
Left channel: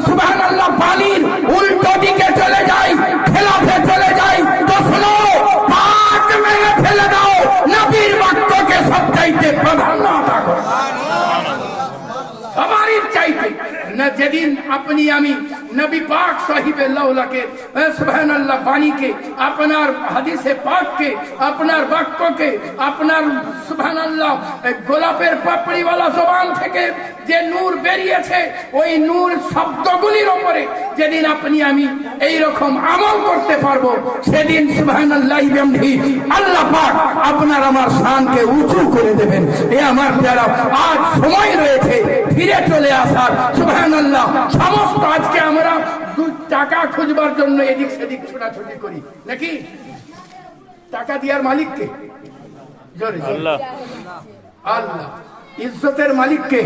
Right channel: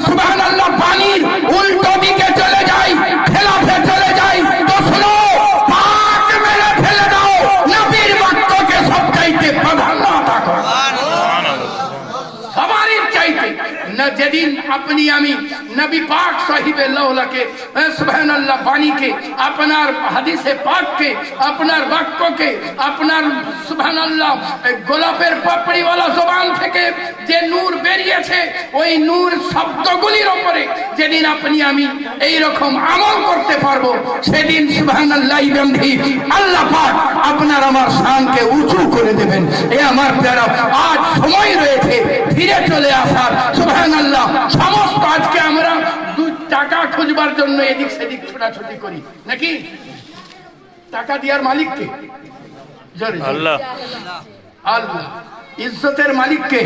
সুবহানাল্লাহ বাণীর উল্টো দিকে চলে যায়, খেলাফে চলে যায়, তো শুনো, হাত মেরে ফেলে দাও। নবীর বাক্যকে সবচাইতে প্রাধান্য দাও, সবারই চাইতে। না যেদিন আপনি আমি নবী পাক সাহিবে লাউলাকে সুবহানাল্লাহ বাণীকে, আপনার হাদিসে পাককে, আপনার বাক্যকে, আপনার সুবহানাল্লাহ গোলাপের পাপড়িওয়ালা জবান থেকে যে নূর বেরিয়েছে, ওই নূর শব্দগুলির উপরে যেদিন আপনি আমি এই রকম আমল করতে পারবো, সেদিন সুবহানাল্লাহি ওয়া বিহামদিহি আল্লাহ পাক আপনার আমার শানকে উঁচু করে দেবেন। এ আমার প্যারা, আজ সময় রয়েছে ফিরে চলে আসার। সুবহানাল্লাহ। সমস্ত আজকে আমরা টাকা খুঁজবার জন্য এদিক সেদিক ছোটাছুটি করি নাকি? টাকা দেওয়ার মালিককে? আল্লাহ। আল্লাহ। ইজ্জতের মালিককে?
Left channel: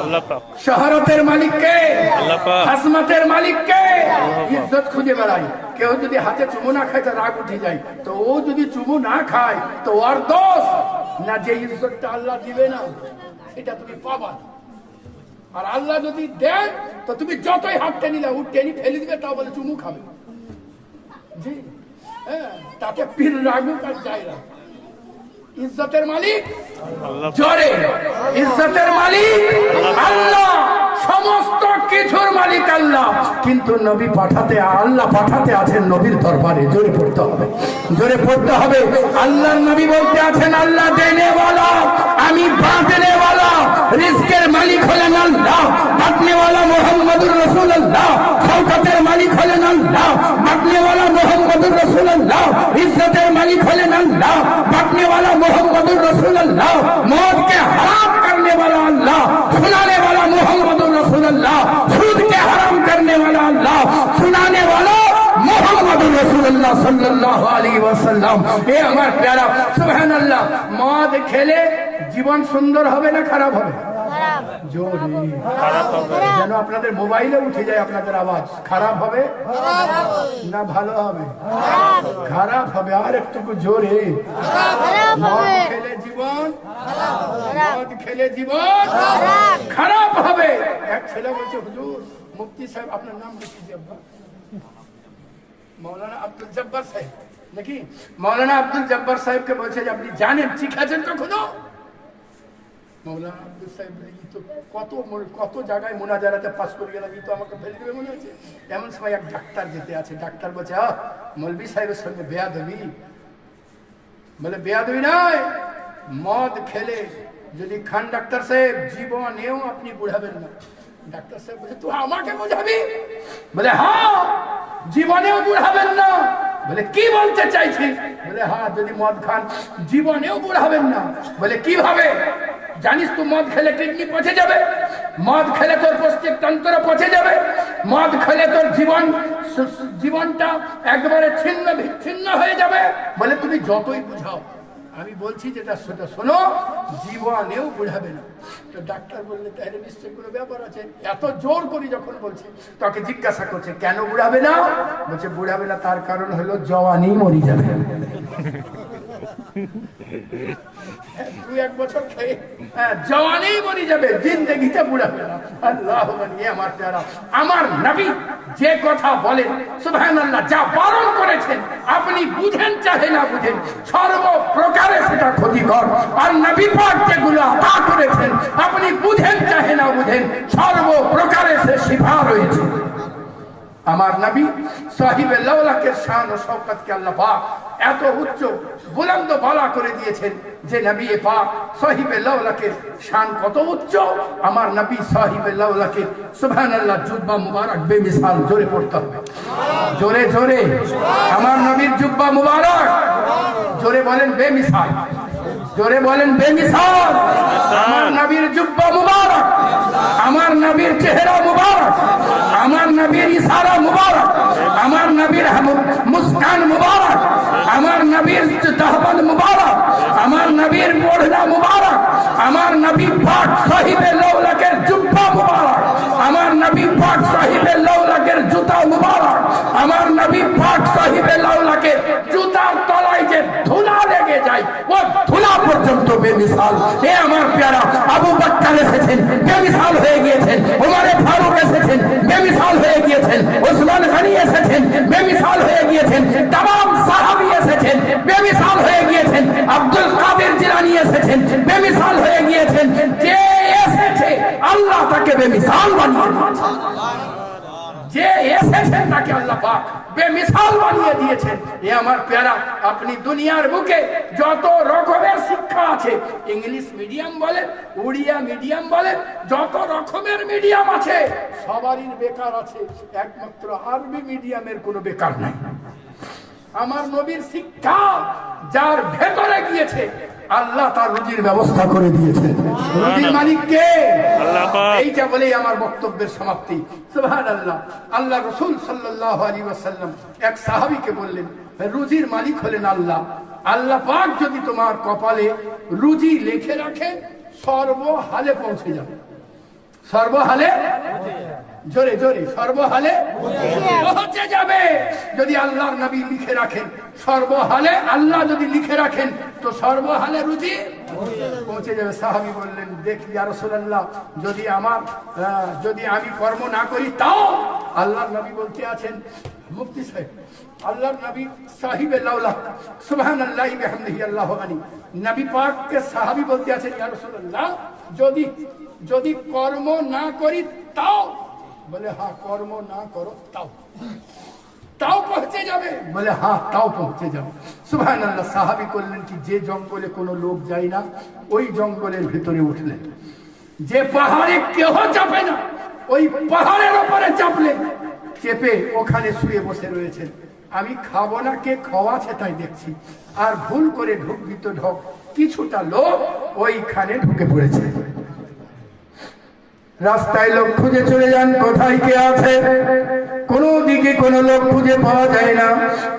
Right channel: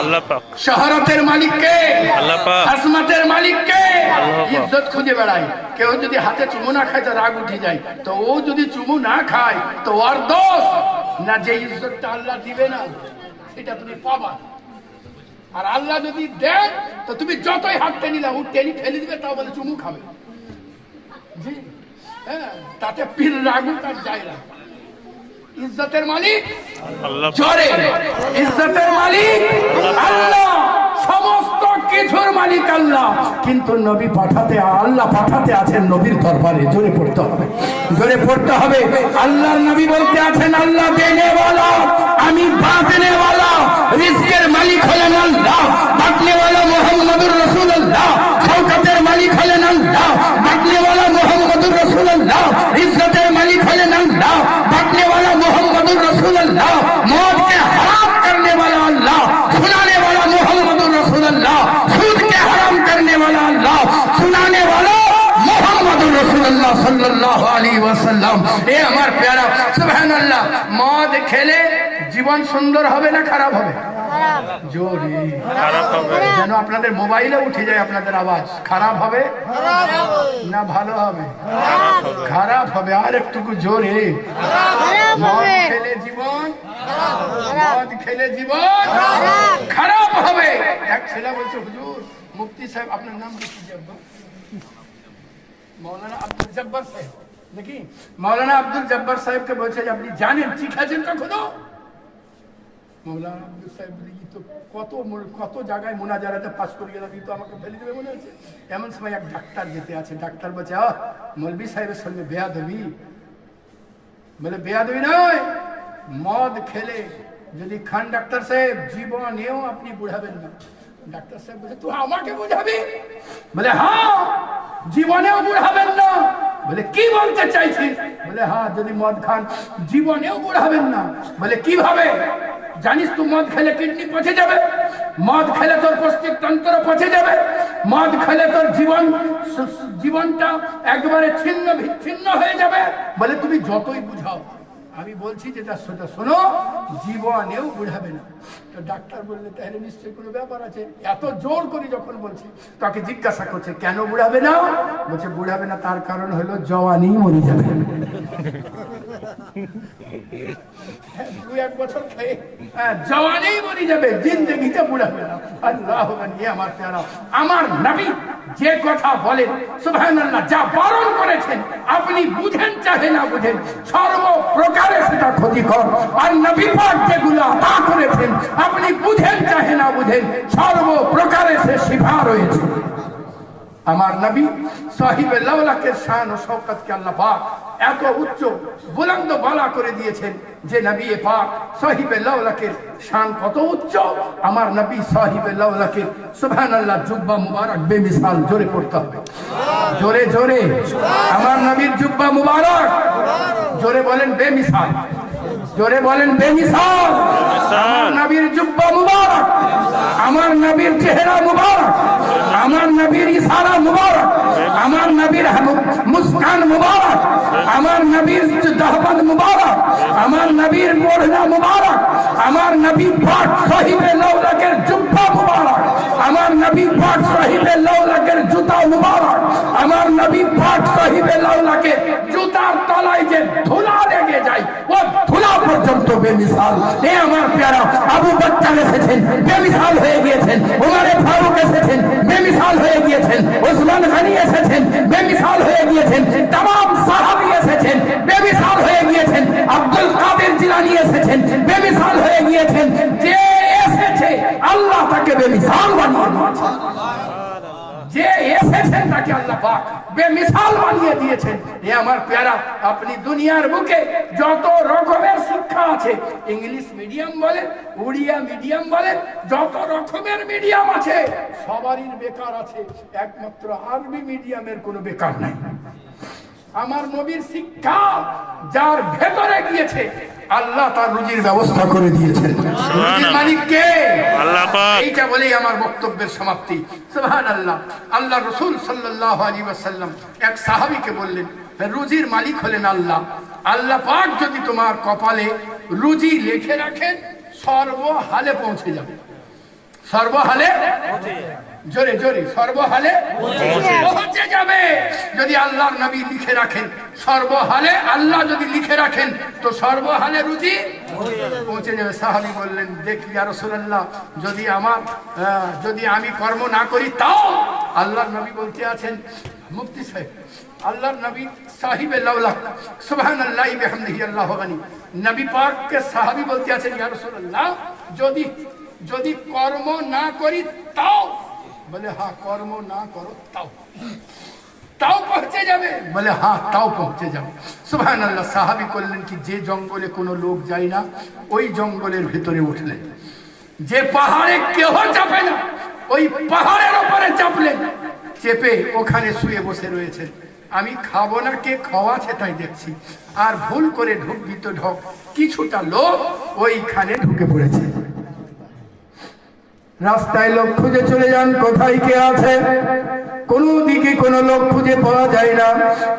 আল্লাহ পাক। শহরতের মালিককে? আল্লাহ পাক। আজমতের মালিককে? আল্লাহ পাক। ইজ্জত খুঁজে বেড়ায়। কেউ যদি হাতে চুমু না খায় তো রাগ উঠে যায়, তো ও যদি চুমু না খায় তো ওর দোষ না। যে ইজ্জতটা আল্লাহ দিবে না, সেটা তুমি পাবা। আর আল্লাহ যদি দেন তো তুমি যতই হাত টেনে নাও, টেনে ফেলে দিবে, তাও বলে চুমু খাবে। জি হ্যাঁ, তাতে পীর রাগু কাজ যায় না। ইজ্জতের মালিক আল্লাহ। জোরে, ইজ্জতের মালিক আল্লাহ, সমস্ত কিছুর মালিক আল্লাহ। কিন্তু নবী পাঠাতে, আল্লাহ পাঠাতে আছেন নবীর দরবারে। জোরে পড়তে হবে, জোরে পড়তে হবে। আল্লাহর নবী বলতে আছেন, আল্লাহ দেনে ওয়ালা, আমি বাঁধনে ওয়ালা। রিজকের মালিক হলেন আল্লাহ, বাঁধনে ওয়ালা মুহাম্মদুর রাসূলুল্লাহ। শওকতের মালিক হলেন रसूलुल्लाह, मौत के हराम करने वाला अल्लाह, सुनाने वाला मोहम्मद रसूलुल्लाह, सूद के हराम करने वाला अल्लाह, सुनाने वाला मोहम्मद रसूलुल्लाह सल्लल्लाहु अलैहि वसल्लम। ए আমার প্যারা সুবহানাল্লাহ। মদ খেলে জীবন সুন্দর হবে না খারাপ হবে? জোরে খারাপ হবে। যেন আপনাদের মোবাইলে উঠে যায় আপনাদের আওয়াজ। খারাপ হবে না ভালো হবে? খারাপ হবে। আর একটু জোরে। মদ খেলে জীবন, মদ খেলে জীবন খারাপ হবে। এক ছেলে বলছে হুজুর মুফতি সাহেব আপনার নাম কি? মৌলানা আব্দুল জব্বার সাহেব নাকি? মৌলানা আব্দুল জব্বার সাহেবকে বলছে যে আপনি জানেন ঠিক আছেন কখনো? মৌলানা আব্দুল সাহেব তো কত জায়গায় মোনাজারাতে পাস করে গেলাম, তো আমাকে ফেলে দেবে মনে হচ্ছে। এমন সময় এক ডাক্তার যেতে আছে, ডাক্তার বলছে মৌলভী সাহেবের সঙ্গে বেয়াদবি। বলে বেয়াদবি নয়, মদ খেলে যদি খান ডাক্তার সাহেব জীবনেও আপনি বুঝাবেন না। ডাক্তার সাহেব বলছে তুই আমাকে বুঝাবি? বলে হ্যাঁ, জীবনেও বুড়াবেন না। বলে কি বলতে চাইছিস? বলে হ্যাঁ, যদি মদ খান জীবনেও বুড়াবেন না। বলে কিভাবে? জানিস তুই মদ খেলে কিডনি পচে যাবে, মদ খেলে তোর পৌষ্টিক তন্ত্র পচে যাবে, মদ খেলে তোর জীবনটা একবারে ছিন্ন বিচ্ছিন্ন হয়ে যাবে। বলে তুমি যতই বুঝাও, আমি বলছি যেটা সেটা শোনো, জীবনেও বুঝাবে না। তো ডাক্তার বললে তাহলে নিশ্চয়ই কোনো ব্যাপার আছে। এত জোর করে যখন বলছে, তাকে জিজ্ঞাসা করছে কেন বুঝাবে না? বলছে বুঝাবে না তার কারণ হলো জওয়ানি মরে যাবে। 2-1 বছর খেয়ে জওয়ানি মরে যাবে, জিন্দেগিতে বুঝাবে না। আল্লাহ আমার প্যারা, আমার নবী যে কথা বলেন সুবহানাল্লাহ, যা বারণ করেছেন আপনি বুঝেন চাহে না বুঝেন, সর্বপ্রকারে সেটা ক্ষতিকর। আর নবী পাক যেগুলো আতা করেছেন আপনি বুঝেন চাহে না বুঝেন, সর্বপ্রকারে সে শিফা রয়েছে। আমার নবী সাহিবে লাওলাকের শান ও শওকতকে আল্লাহ পাক এত উচ্চ বুলন্দ বালা করে দিয়েছেন যে নবী পাক সাহিবে লাওলাকের শান কত উচ্চ। আমার নবী সাহিবে লাওলাকের সুবহানাল্লাহ জুব্বা মুবারক বেমিসাল, জোরে পড়তে হবে, জোরে জোরে। আমার নবীর জুব্বা মুবারক, জোরে বলেন বেমিসাল, জোরে বলেন বেমিসাল। আমার নবীর জুব্বা মুবারক, আমার নবীর চেহারা মুবারক, আমার নবীর ইশারা মুবারক, আমার নবীর মুস্কান মুবারক, আমার নবীর দাহবাদ মুবারক, আমার নবীর মোড়না মুবারক, আমার নবী পাক সাহিবে লাওলাকের জুব্বা মুবারক, আমার নবী পাক সাহিবে লাওলাকের জুতা মুবারক, আমার নবী পাক সাহিবে লাওলাকের জুতার তলায় যে ধুলা লেগে যায় ও ধুলা পর্যন্ত বেমিসাল। এ আমার প্যারা, আবু বকর এসেছেন বেমিসাল হয়ে গিয়েছেন, উমর ফারুক এসেছেন বেমিসাল হয়ে গিয়েছেন, ওসমান গনি এসেছেন বেমিসাল হয়ে গিয়েছেন, तमाम সাহাবী এসেছেন বেমিসাল হয়ে গিয়েছেন, আব্দুল কাদের জিলানী এসেছেন বেমিসাল হয়ে গিয়েছেন। যে এসেছে আল্লাহ তাকে বেমিসাল বানিয়ে দিয়েছেন, যে এসেছেন তাকে আল্লাহ পাক বেমিসাল বানিয়ে দিয়েছেন। এ আমার প্যারা, আপনি দুনিয়ার বুকে যত রকমের শিক্ষা আছে, ইংলিশ মিডিয়াম বলেন, উড়িয়া মিডিয়াম বলেন, যত রকমের মিডিয়াম আছে সবারই বেকার আছে, একমাত্র আরবি মিডিয়ামের কোনো বেকার নাই। আমার নবীর শিক্ষা যার ভেতরে গিয়েছে আল্লাহ তার রুজির ব্যবস্থা করে দিয়েছেন। রুজির মালিক কে? আল্লাহ পাক। এইটা বলেই আমার বক্তব্যের সমাপ্তি। সুবহানাল্লাহ। আল্লাহ রাসূল সাল্লাল্লাহু আলাইহি ওয়াসাল্লাম এক সাহাবীকে বললেন, রুজির মালিক হলেন আল্লাহ। আল্লাহ পাক যদি তোমার কপালে রুজি লিখে রাখেন সর্বহালে পৌঁছে যাবে। সর্বহালে, জোরে জোরে, সর্বহালে পৌঁছে যাবে। যদি আল্লাহর নবী লিখে রাখেন সর্বহালে, আল্লাহ যদি লিখে রাখেন তো সর্বহালে রুজি পৌঁছে যাবে। সাহাবী বললেন, দেখি ইয়া রাসূলুল্লাহ, যদি আমি কর্ম না করি তাও? আল্লাহর নবী বলতে আছেন, মুফতি সাহেব, আল্লাহর নবী সাহিবে লাওলাক সুবহানাল্লাহি বিহামদিহি আল্লাহু গনি, নবী পাককে সাহাবী বলতে আছেন, ইয়া রাসূলুল্লাহ যদি কর্ম না করি তাও? বলে হ্যাঁ, কর্ম না করো তাও পৌঁছে যাবে। বলে হ্যাঁ, তাও পৌঁছে যাবে। সুবহানাল্লাহ। সাহাবী করলেন কি, যে জঙ্গলে কোনো লোক যায় না ওই জঙ্গলের ভিতরে উঠলেন, যে পাহাড়ে কেহ চাপে না ওই পাহাড়ের উপরে চাপলেন, চেপে ওখানে শুয়ে বসে রয়েছেন। আমি খাবো না, কে খাওয়াছে তাই দেখছি, আর ভুল করে ঢুকবি তো ঢোক, কিছুটা লোক ওইখানে ঢুকে পড়েছে। রাস্তায় লোক খুঁজে চলে যান, কোথায় কে আছে, কোন দিকে কোন লোক খুঁজে পাওয়া যায় না।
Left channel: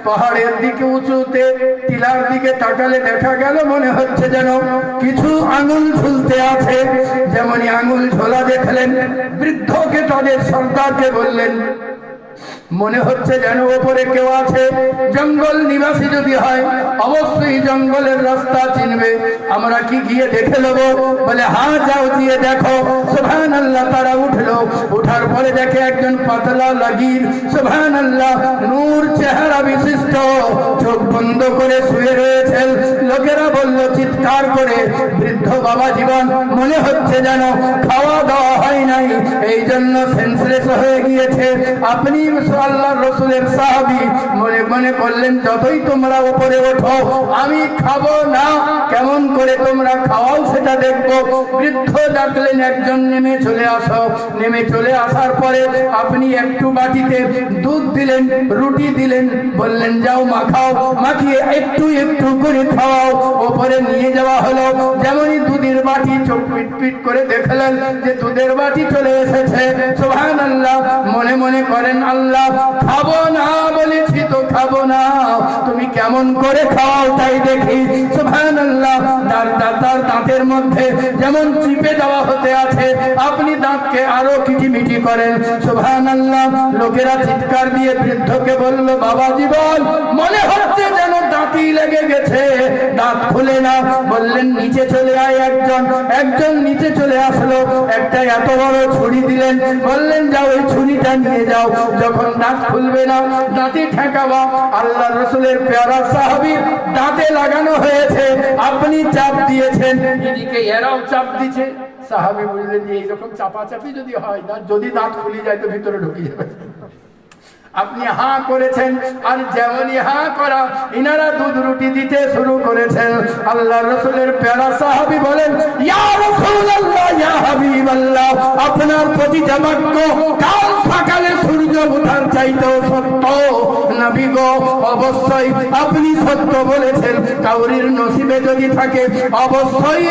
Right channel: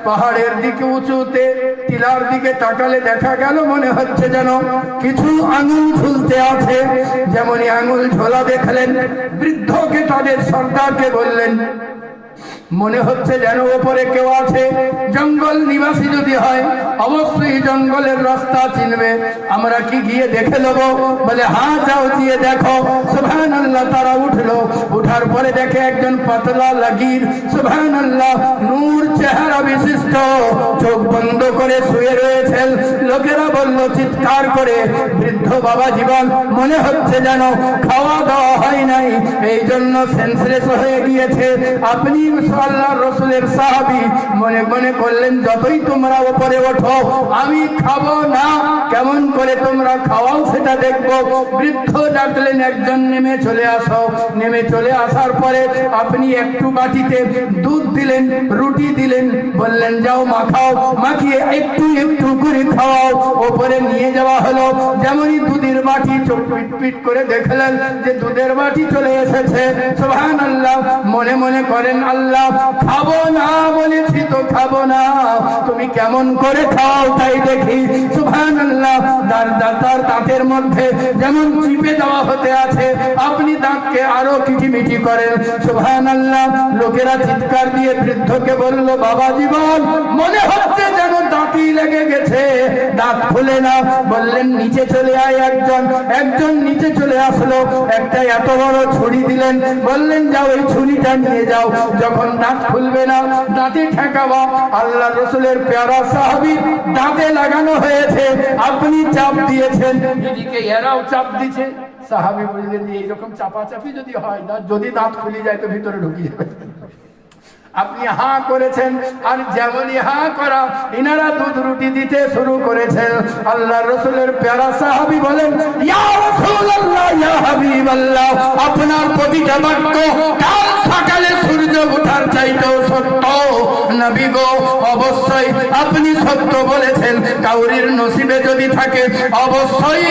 পাহাড়ের দিকে উঁচুতে টিলার দিকে তাকালে দেখা গেল মনে হচ্ছে যেন কিছু আঙুল ঝুলতে আছে। যেমনই আঙুল ঝোলা দেখলেন, বৃদ্ধকে তাদের সর্দারকে বললেন, মনে হচ্ছে যেন ওপরে কেউ আছে। জঙ্গল নিবাসী যদি হয় অবশ্যই জঙ্গলের রাস্তা চিনবে, আমরা কি গিয়ে দেখে নেব? বলে হ্যাঁ যাও, গিয়ে দেখো। সুবহানাল্লাহ, তারা উঠলো। উঠার পরে দেখে একজন পাতলা লাগীর, সুবহানাল্লাহ, নূর চেহারা বিশিষ্ট, চোখ বন্ধ করে শুয়ে রয়েছেন। লোকেরা বলল চিৎকার করে, বৃদ্ধ বাবা জীবন, মনে হচ্ছে যেন খাওয়া দাওয়া হয় নাই, এই জন্য সেন্সলেস হয়ে গিয়েছে। আপনি আল্লাহর রাসূলের সাহাবী, মনে মনে বললেন, যতই তোমরা উপরে ওঠো আমি খাবো না, কেমন করে তোমরা খাওয়াও সেটা দেখবো। বৃদ্ধ ডাকলেন, একজন নেমে চলে আসো। নেমে চলে আসার পরে আপনি একটু বাটিতে দুধ দিলেন, রুটি দিলেন, বললেন যাও মাখাও, মাখিয়ে একটু একটু করে খাওয়াও। ওপরে নিয়ে যাওয়া হলো। যেমনই দুধের বাটি, চোখ পিট পিট করে দেখলেন যে দুধের বাটি চলে এসেছে। সুবহানাল্লাহ, মনে মনে করেন, আল্লাহ, খাবো না বলেছি তো খাবো না, তুমি কেমন করে খাও তাই দেখি। সুবহানাল্লাহ, তার দাঁতের মধ্যে যেমন চিপে দেওয়া হতে আছে, আপনি দাঁতকে আরো কিটিমিটি করেন। সুবহানাল্লাহ, লোকেরা চিৎকার দিয়ে বৃদ্ধকে বলল, বাবা জীবন, মনে হচ্ছে যেন দাঁতই লেগে গেছে, দাঁত খুলে না। বললেন নিচে চলে আয়। একজন নিচে চলে আসলো, একটা এত বড় ছুরি দিলেন, বললেন যাও ওই ছুরিটা নিয়ে যাও, যখন দাঁত খুলবে না দাঁতে ঠেকাবা। আল্লাহ রাসূলের প্যারা সাহাবী দাঁতে লাগানো হয়েছে, আপনি চাপ দিয়েছেন, এদিকে এরাও চাপ দিচ্ছে। সাহাবী বললেন যে এইরকম চাপাচাপি যদি হয়, যদি দাঁত খুলে যায় তো ভিতরে ঢুকে যাবে। আপনি হাঁ করেছেন, আর যেমনই হাঁ করা ইনারা দুধ রুটি দিতে শুরু করেছেন। আল্লাহ রাসূলের প্যারা সাহাবী বলেন, ইয়া রাসূলুল্লাহ, ইয়া হাবিবাল্লাহ, আপনার প্রতিটা বাক্য কাল সকালে সূর্য ওঠার চাইতে সত্য। নবী গো, অবশ্যই আপনি সত্য বলেছেন। কাউরির নসিবে যদি থাকে অবশ্যই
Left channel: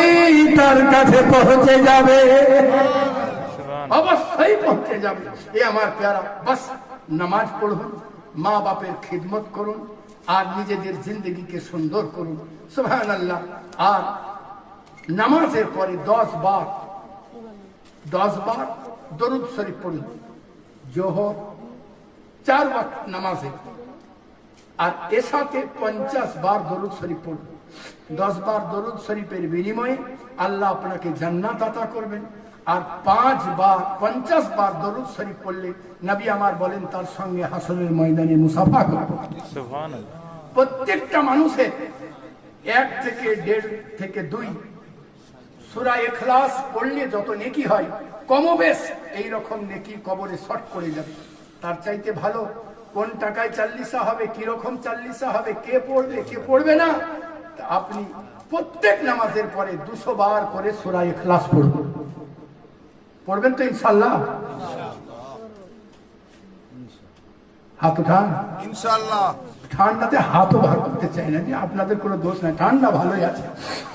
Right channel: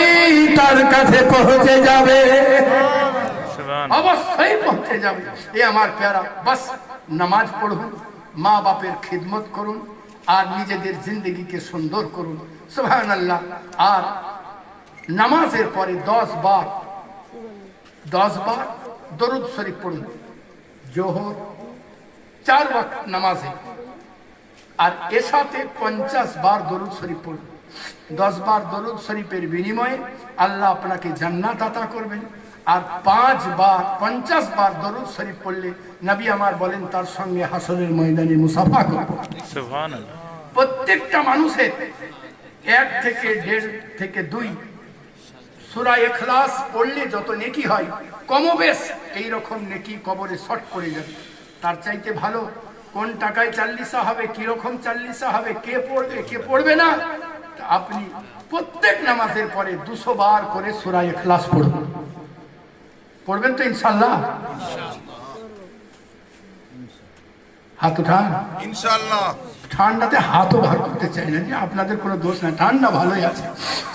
তার কাছে পৌঁছে যাবে, অবশ্যই পৌঁছে যাবে। এ আমার প্যারা, বাস নামাজ পড়ুন, মা বাপের খিদমত করুন, আর নিজেদের জিন্দগিকে সুন্দর করুন। সুবহানাল্লাহ। আর নামাজের পরে 10 বার দরুদ শরীফ পড়ুন। জোহর 4 ওয়াক্ত নামাজে, আর এর সাথে 50 বার দরুদ শরীফ পড়ুন। 10 বার দরুদ শরীফের বিনিময়ে আল্লাহ আপনাকে জান্নাত আতা করবেন। আর 50 বার দরুদ শরীফ পড়লে নবী আমার বলেন তার সঙ্গে হাসরের ময়দানে মুসাফা করবেন। সুবহানাল্লাহ। প্রত্যেকটা মানুষের 1 থেকে 1.5 থেকে 2 সূরা ইখলাস পড়লে যত নেকি হয়, কমবেশ এই রকম নেকি কবরে শর্ট পড়ে যাবে। তার চাইতে ভালো কোন টাকায় 40 হবে, কি রকম 40 হবে, কে পড়বে কে পড়বে না, আপনি প্রত্যেক নামাজের পরে 200 বার করে সূরা ইখলাস পড়বেন। পড়বেন তো ইনশাআল্লাহ? হাত উঠান ইনশাআল্লাহ। ঠান্ডাতে হাতও বার করতে চাই না, যে আপনাদের কোনো দোষ নাই, ঠান্ডা ভালোই আছে।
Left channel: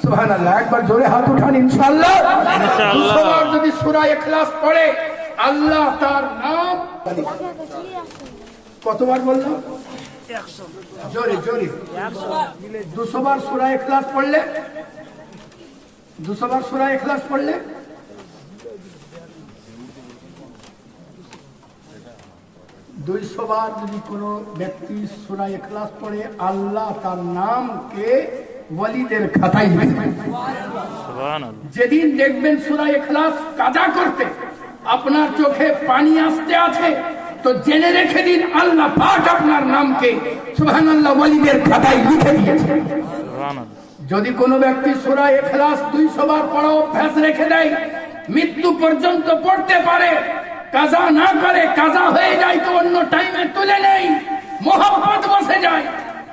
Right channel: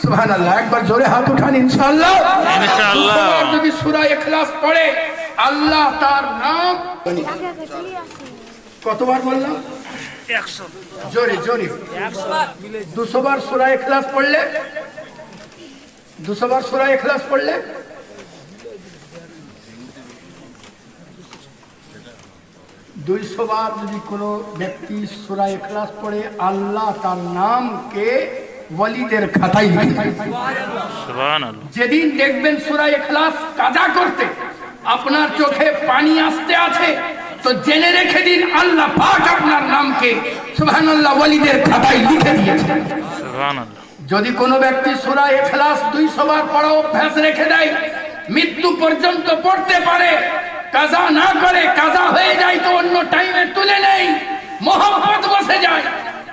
সুবহানাল্লাহ, একবার জোরে হাত উঠান ইনশাআল্লাহ। ইনশাআল্লাহ। যদি সূরা ইখলাস পড়ে আল্লাহ তার নাম কতবার বললাম? 100। জোরে জোরে 200 বার সূরা ইখলাস পড়লে, 200 বার সূরা ইখলাস পড়লে 200 বার যদি কোনো ব্যক্তি সূরা ইখলাস পড়ে, আল্লাহ তার নামকে ওয়ালিদের খাতায় লিখে দেন। সুবহানাল্লাহ। যেদিন দেখবেন সূরা ইখলাস কাজা করতে আপনার চোখে পানি আসতে আছে, তো জেনে রেখে দিন আল্লাহ পাক আপনার নামকে সুবহানাল্লাহ ওয়ালিদের খাতায় লিখে দিয়েছেন। সুবহানাল্লাহ। যদি কোনো ব্যক্তি সূরা ইখলাস 200 বার পড়া অভ্যাস রেখে দেয়, মৃত্যু পর্যন্ত পড়তে পারে, কাজা না করে, কাজা হয়ে যায় তো অন্য টাইমে তুলে নেই, মোহাম্মত বসে যায়,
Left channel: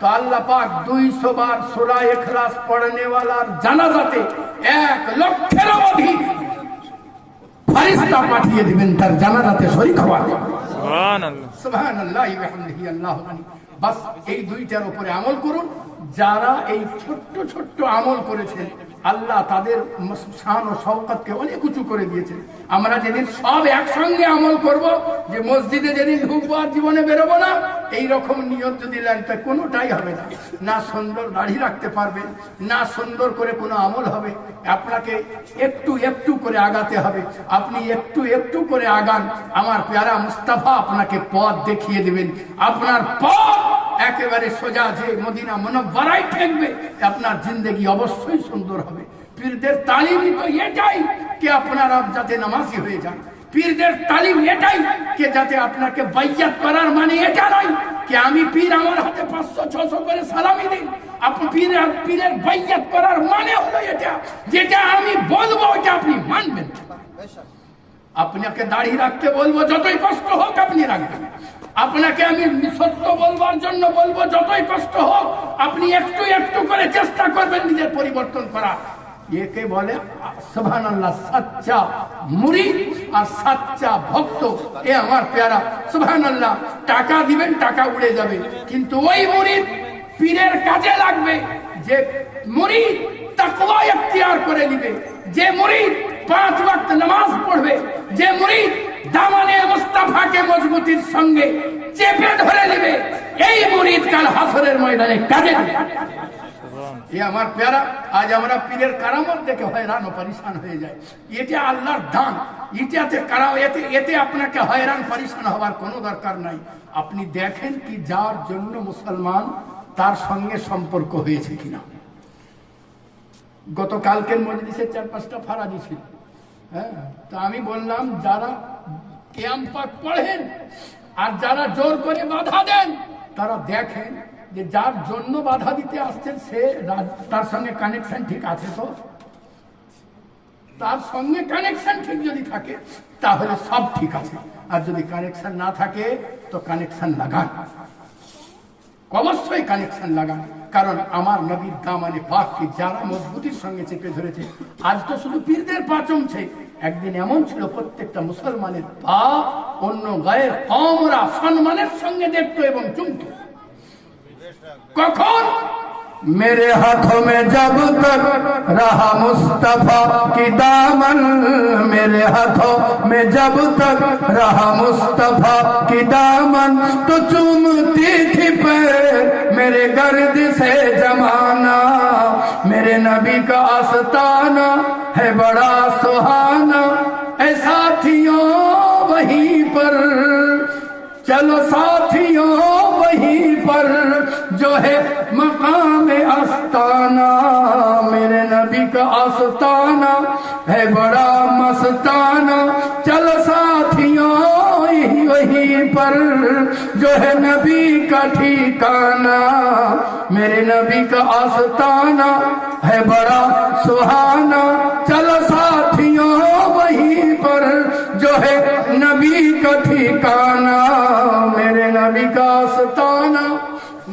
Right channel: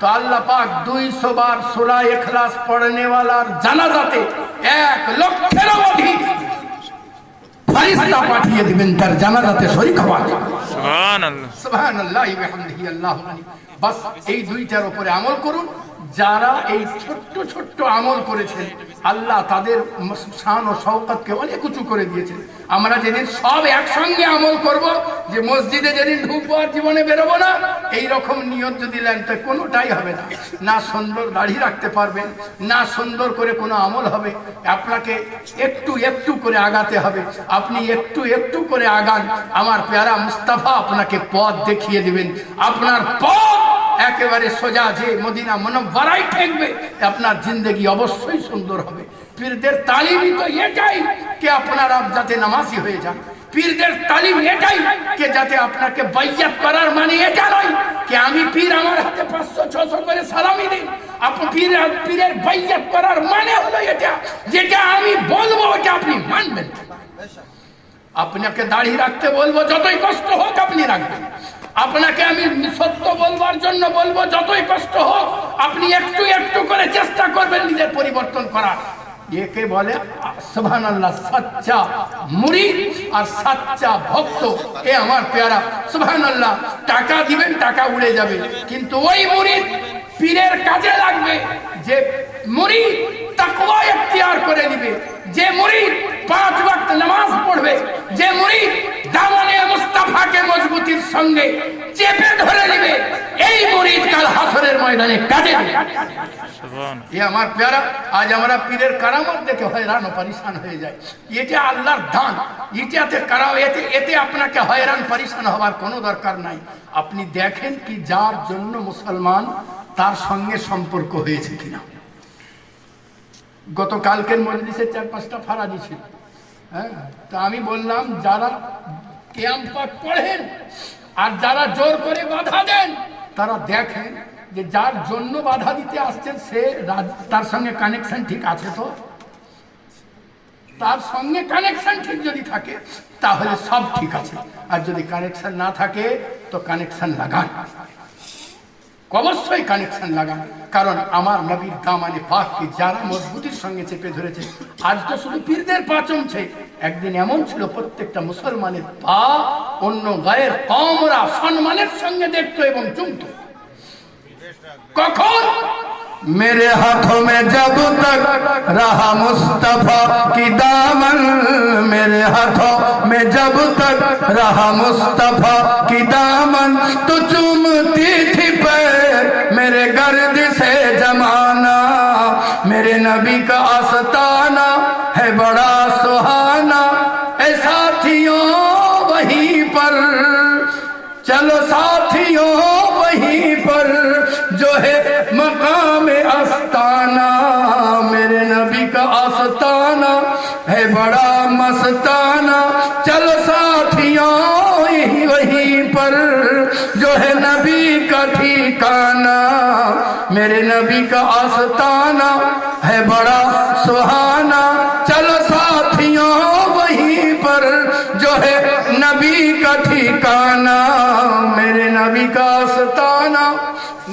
তো আল্লাহ পাক 200 বার সূরা ইখলাস পড়নে ওয়ালার জানাজাতে 1 লক্ষের অধিক ফেরেশতা পাঠিয়ে দিবেন তার জানাজাতে শরীক হওয়ার জন্য। সুবহানাল্লাহ। সুবহানাল্লাহি ওয়া বিহামদিহি আল্লাহু আকবার। বাস এই দুইটার উপরে আমল করুন, যারা এই ছোট্ট ছোট্ট আমল করেছেন আল্লাহ তাদের শান ও শওকতকে অনেক উঁচু করে দিয়েছে। আমরা যেদিন সব একসঙ্গে আমল করব, যে মসজিদে যেদিন ঢুকবো আর জীবনে বেরোবো না, এইরকম নিয়ত যদি নেন তা কোনোটাই হবে না। না সুন্দর দাড়ি রাখতে পারবেন, না সুন্দর করে কোনো আমল হবে। আপনাকে একটু একটু করে আগাতে হবে। আপনি একটু একটু করে আগান, আমার প্যারা মুস্তাফা আপনাকে পথ দেখিয়ে দেবেন। আপনার পথ একেবারে সোজা যে মদিনা মুনব্বরায় ঠেকবে, আপনার জিন্দেগি অবশ্যই সুন্দর হবে। পীরদের তালিমই তো এটাই যে আপনারা যাতে নামাজি হয়ে যান। পীরদের তালিম এটাই যে যাতে আপনাকে বাইয়াত করার মানে এটা নয় যে আমি পীর আমার হাতে 500-600 করে সালামি দিই। আপনি পীরের বাইয়াত করার মানে হলো এটা, যেটা আমি বলবো ওটা আপনি মানবেন। আপনাকে দাড়ি রাখতে বলবো, যতই কষ্ট হোক আপনি রাখবেন। আপনাকে আমি সত্য বলবার জন্য বলবো, যতই কষ্ট হোক আপনি একটু একটু করে চেষ্টা করবেন নিজের পরিবর্তন করার। একে বলে সুবহানাল্লাহ সচ্চা মুরিদ আর সচ্চা ভক্ত। এ আমার প্যারা সুবহানাল্লাহ। টাকা দিবেন, টাকা উড়ে যাবে, কিন্তু ওই মুরিদ পীরের কাজে লাগবে। যে মুরিদ তাকওয়া ইখতিয়ার করে দিবে, যে মুরিদ 5 ওয়াক্ত নামাজ পড়বে, যে মুরিদ দামানে মুস্তাফাকে মজবুতির সঙ্গে চেপে ধরে নেবে, এই মুরিদ কাল হাসরের ময়দানে কাজে দিবে। এ আমার প্যারা, আজ আমরা পীরের কারামত দেখে হয়রান ও পরেশান হয়ে যায়। এটা আল্লাহর দান। এতে আপনাকে হয়রান পরেশান হওয়ার কোনো দরকার নাই। আপনি দেখেন কি যার জন্য মুসলমান, তার সঙ্গে সম্পর্ক হয়েছে কিনা। গতকালকের মজলিসে 4-5টা ফারাজি ছিল। হ্যাঁ, তো আমি বললাম যারা কিয়াম পাক পড়েন আর যারা জোর করে বাধা দেন, তারা দেখেন যে যার জন্য বাধা দিতে আসছেন সে তার সঙ্গে কানেকশন ঠিক আছে। তো তার সঙ্গে কানেকশন ঠিক যদি থাকে তাহলে সব ঠিক আছে, আর যদি কানেকশন না থাকে তো কানেকশন লাগান, অবশ্যই কানেকশন লাগান। কারণ আমার নবীর দামানে পাককে যারা মজবুতির সঙ্গে চেপে ধরেছে, আজ তো শুধু পীরদের পা চমছে, একদিন এমন ছিল প্রত্যেকটা মুসলমানের পা অন্য গায়ের কওমরা সম্মানের সঙ্গে দেখতো এবং চুমতো। কখন? मेरे हाथों में जब तक रहा मुस्तफा की दामन, मेरे हाथों में जब तक रहा मुस्तफा की दामन, तो चूमती थी पैर मेरे गर्द से जमाना। मेरे नबी का आस्ताना है बड़ा सुहाना, ऐ साथियों वहीं पर चलो साथियों वहीं पर जो है मकाम आस्ताना। मेरे नबी का आस्ताना है बड़ा मस्ताना, चलो साथियों वहीं पर जो है नबी का ठिकाना। मेरे नबी का आस्ताना है बड़ा सुहाना, चलो साथियों वहीं पर जो है नबी का ठिकाना। मेरे नबी का आस्ताना।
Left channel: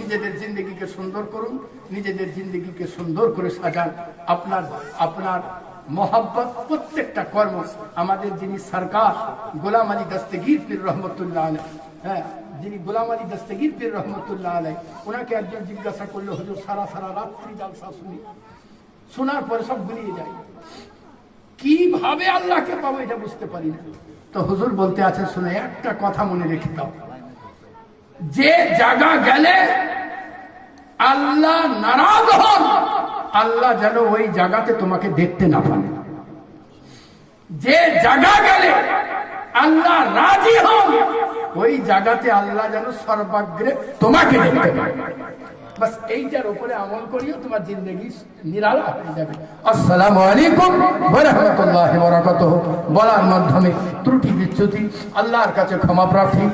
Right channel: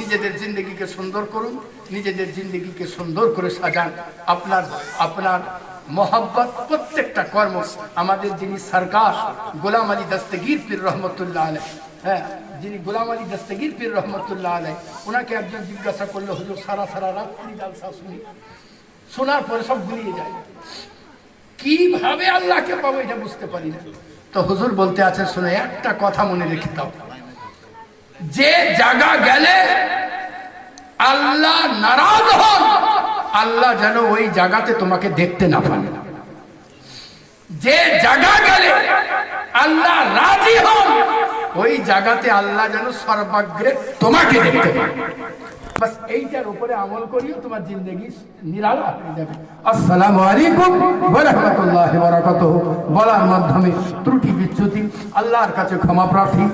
নিজেদের জিন্দগিকে সুন্দর করুন, নিজেদের জিন্দগিকে সুন্দর করে সাজান। আপনার মোহাব্বত প্রত্যেকটা কর্ম। আমাদের যিনি সরকার গোলাম আলী দস্তগীর পীর রহমতুল্লাহ আলাইহ, হ্যাঁ, যিনি গোলাম আলী দস্তগীর পীর রহমতুল্লাহ আলাইহ, ওনাকে একজন জিজ্ঞাসা করলো, হুজুর সারা রাত্রি জালসা শুনি, শোনার পরে সব ভুলিয়ে যায়, কিভাবে আল্লাহকে পাবো এটা বুঝতে পারি না। তো হুজুর বলতে আছে, শুনে একটা কথা মনে রেখে দাও, যে জায়গা গেলে আল্লাহ নারাজ হন, আল্লাহ যেন ওই জায়গাতে তোমাকে দেখতে না পান। যে জায়গা গেলে আল্লাহ রাজি হন, ওই জায়গাতে আল্লাহ যেন সর্বাগ্রে তোমাকে দেখতে পান। বাস এইটার উপরে আমল করিও, তোমার জিন্দগি নিরালা হয়ে যাবে। আসসালামু আলাইকুম ওয়া রাহমাতুল্লাহি ওয়া বারাকাতুহু। বলার মাধ্যমে ত্রুটি বিচ্যুতি আল্লাহর কাছে ক্ষমা প্রার্থী।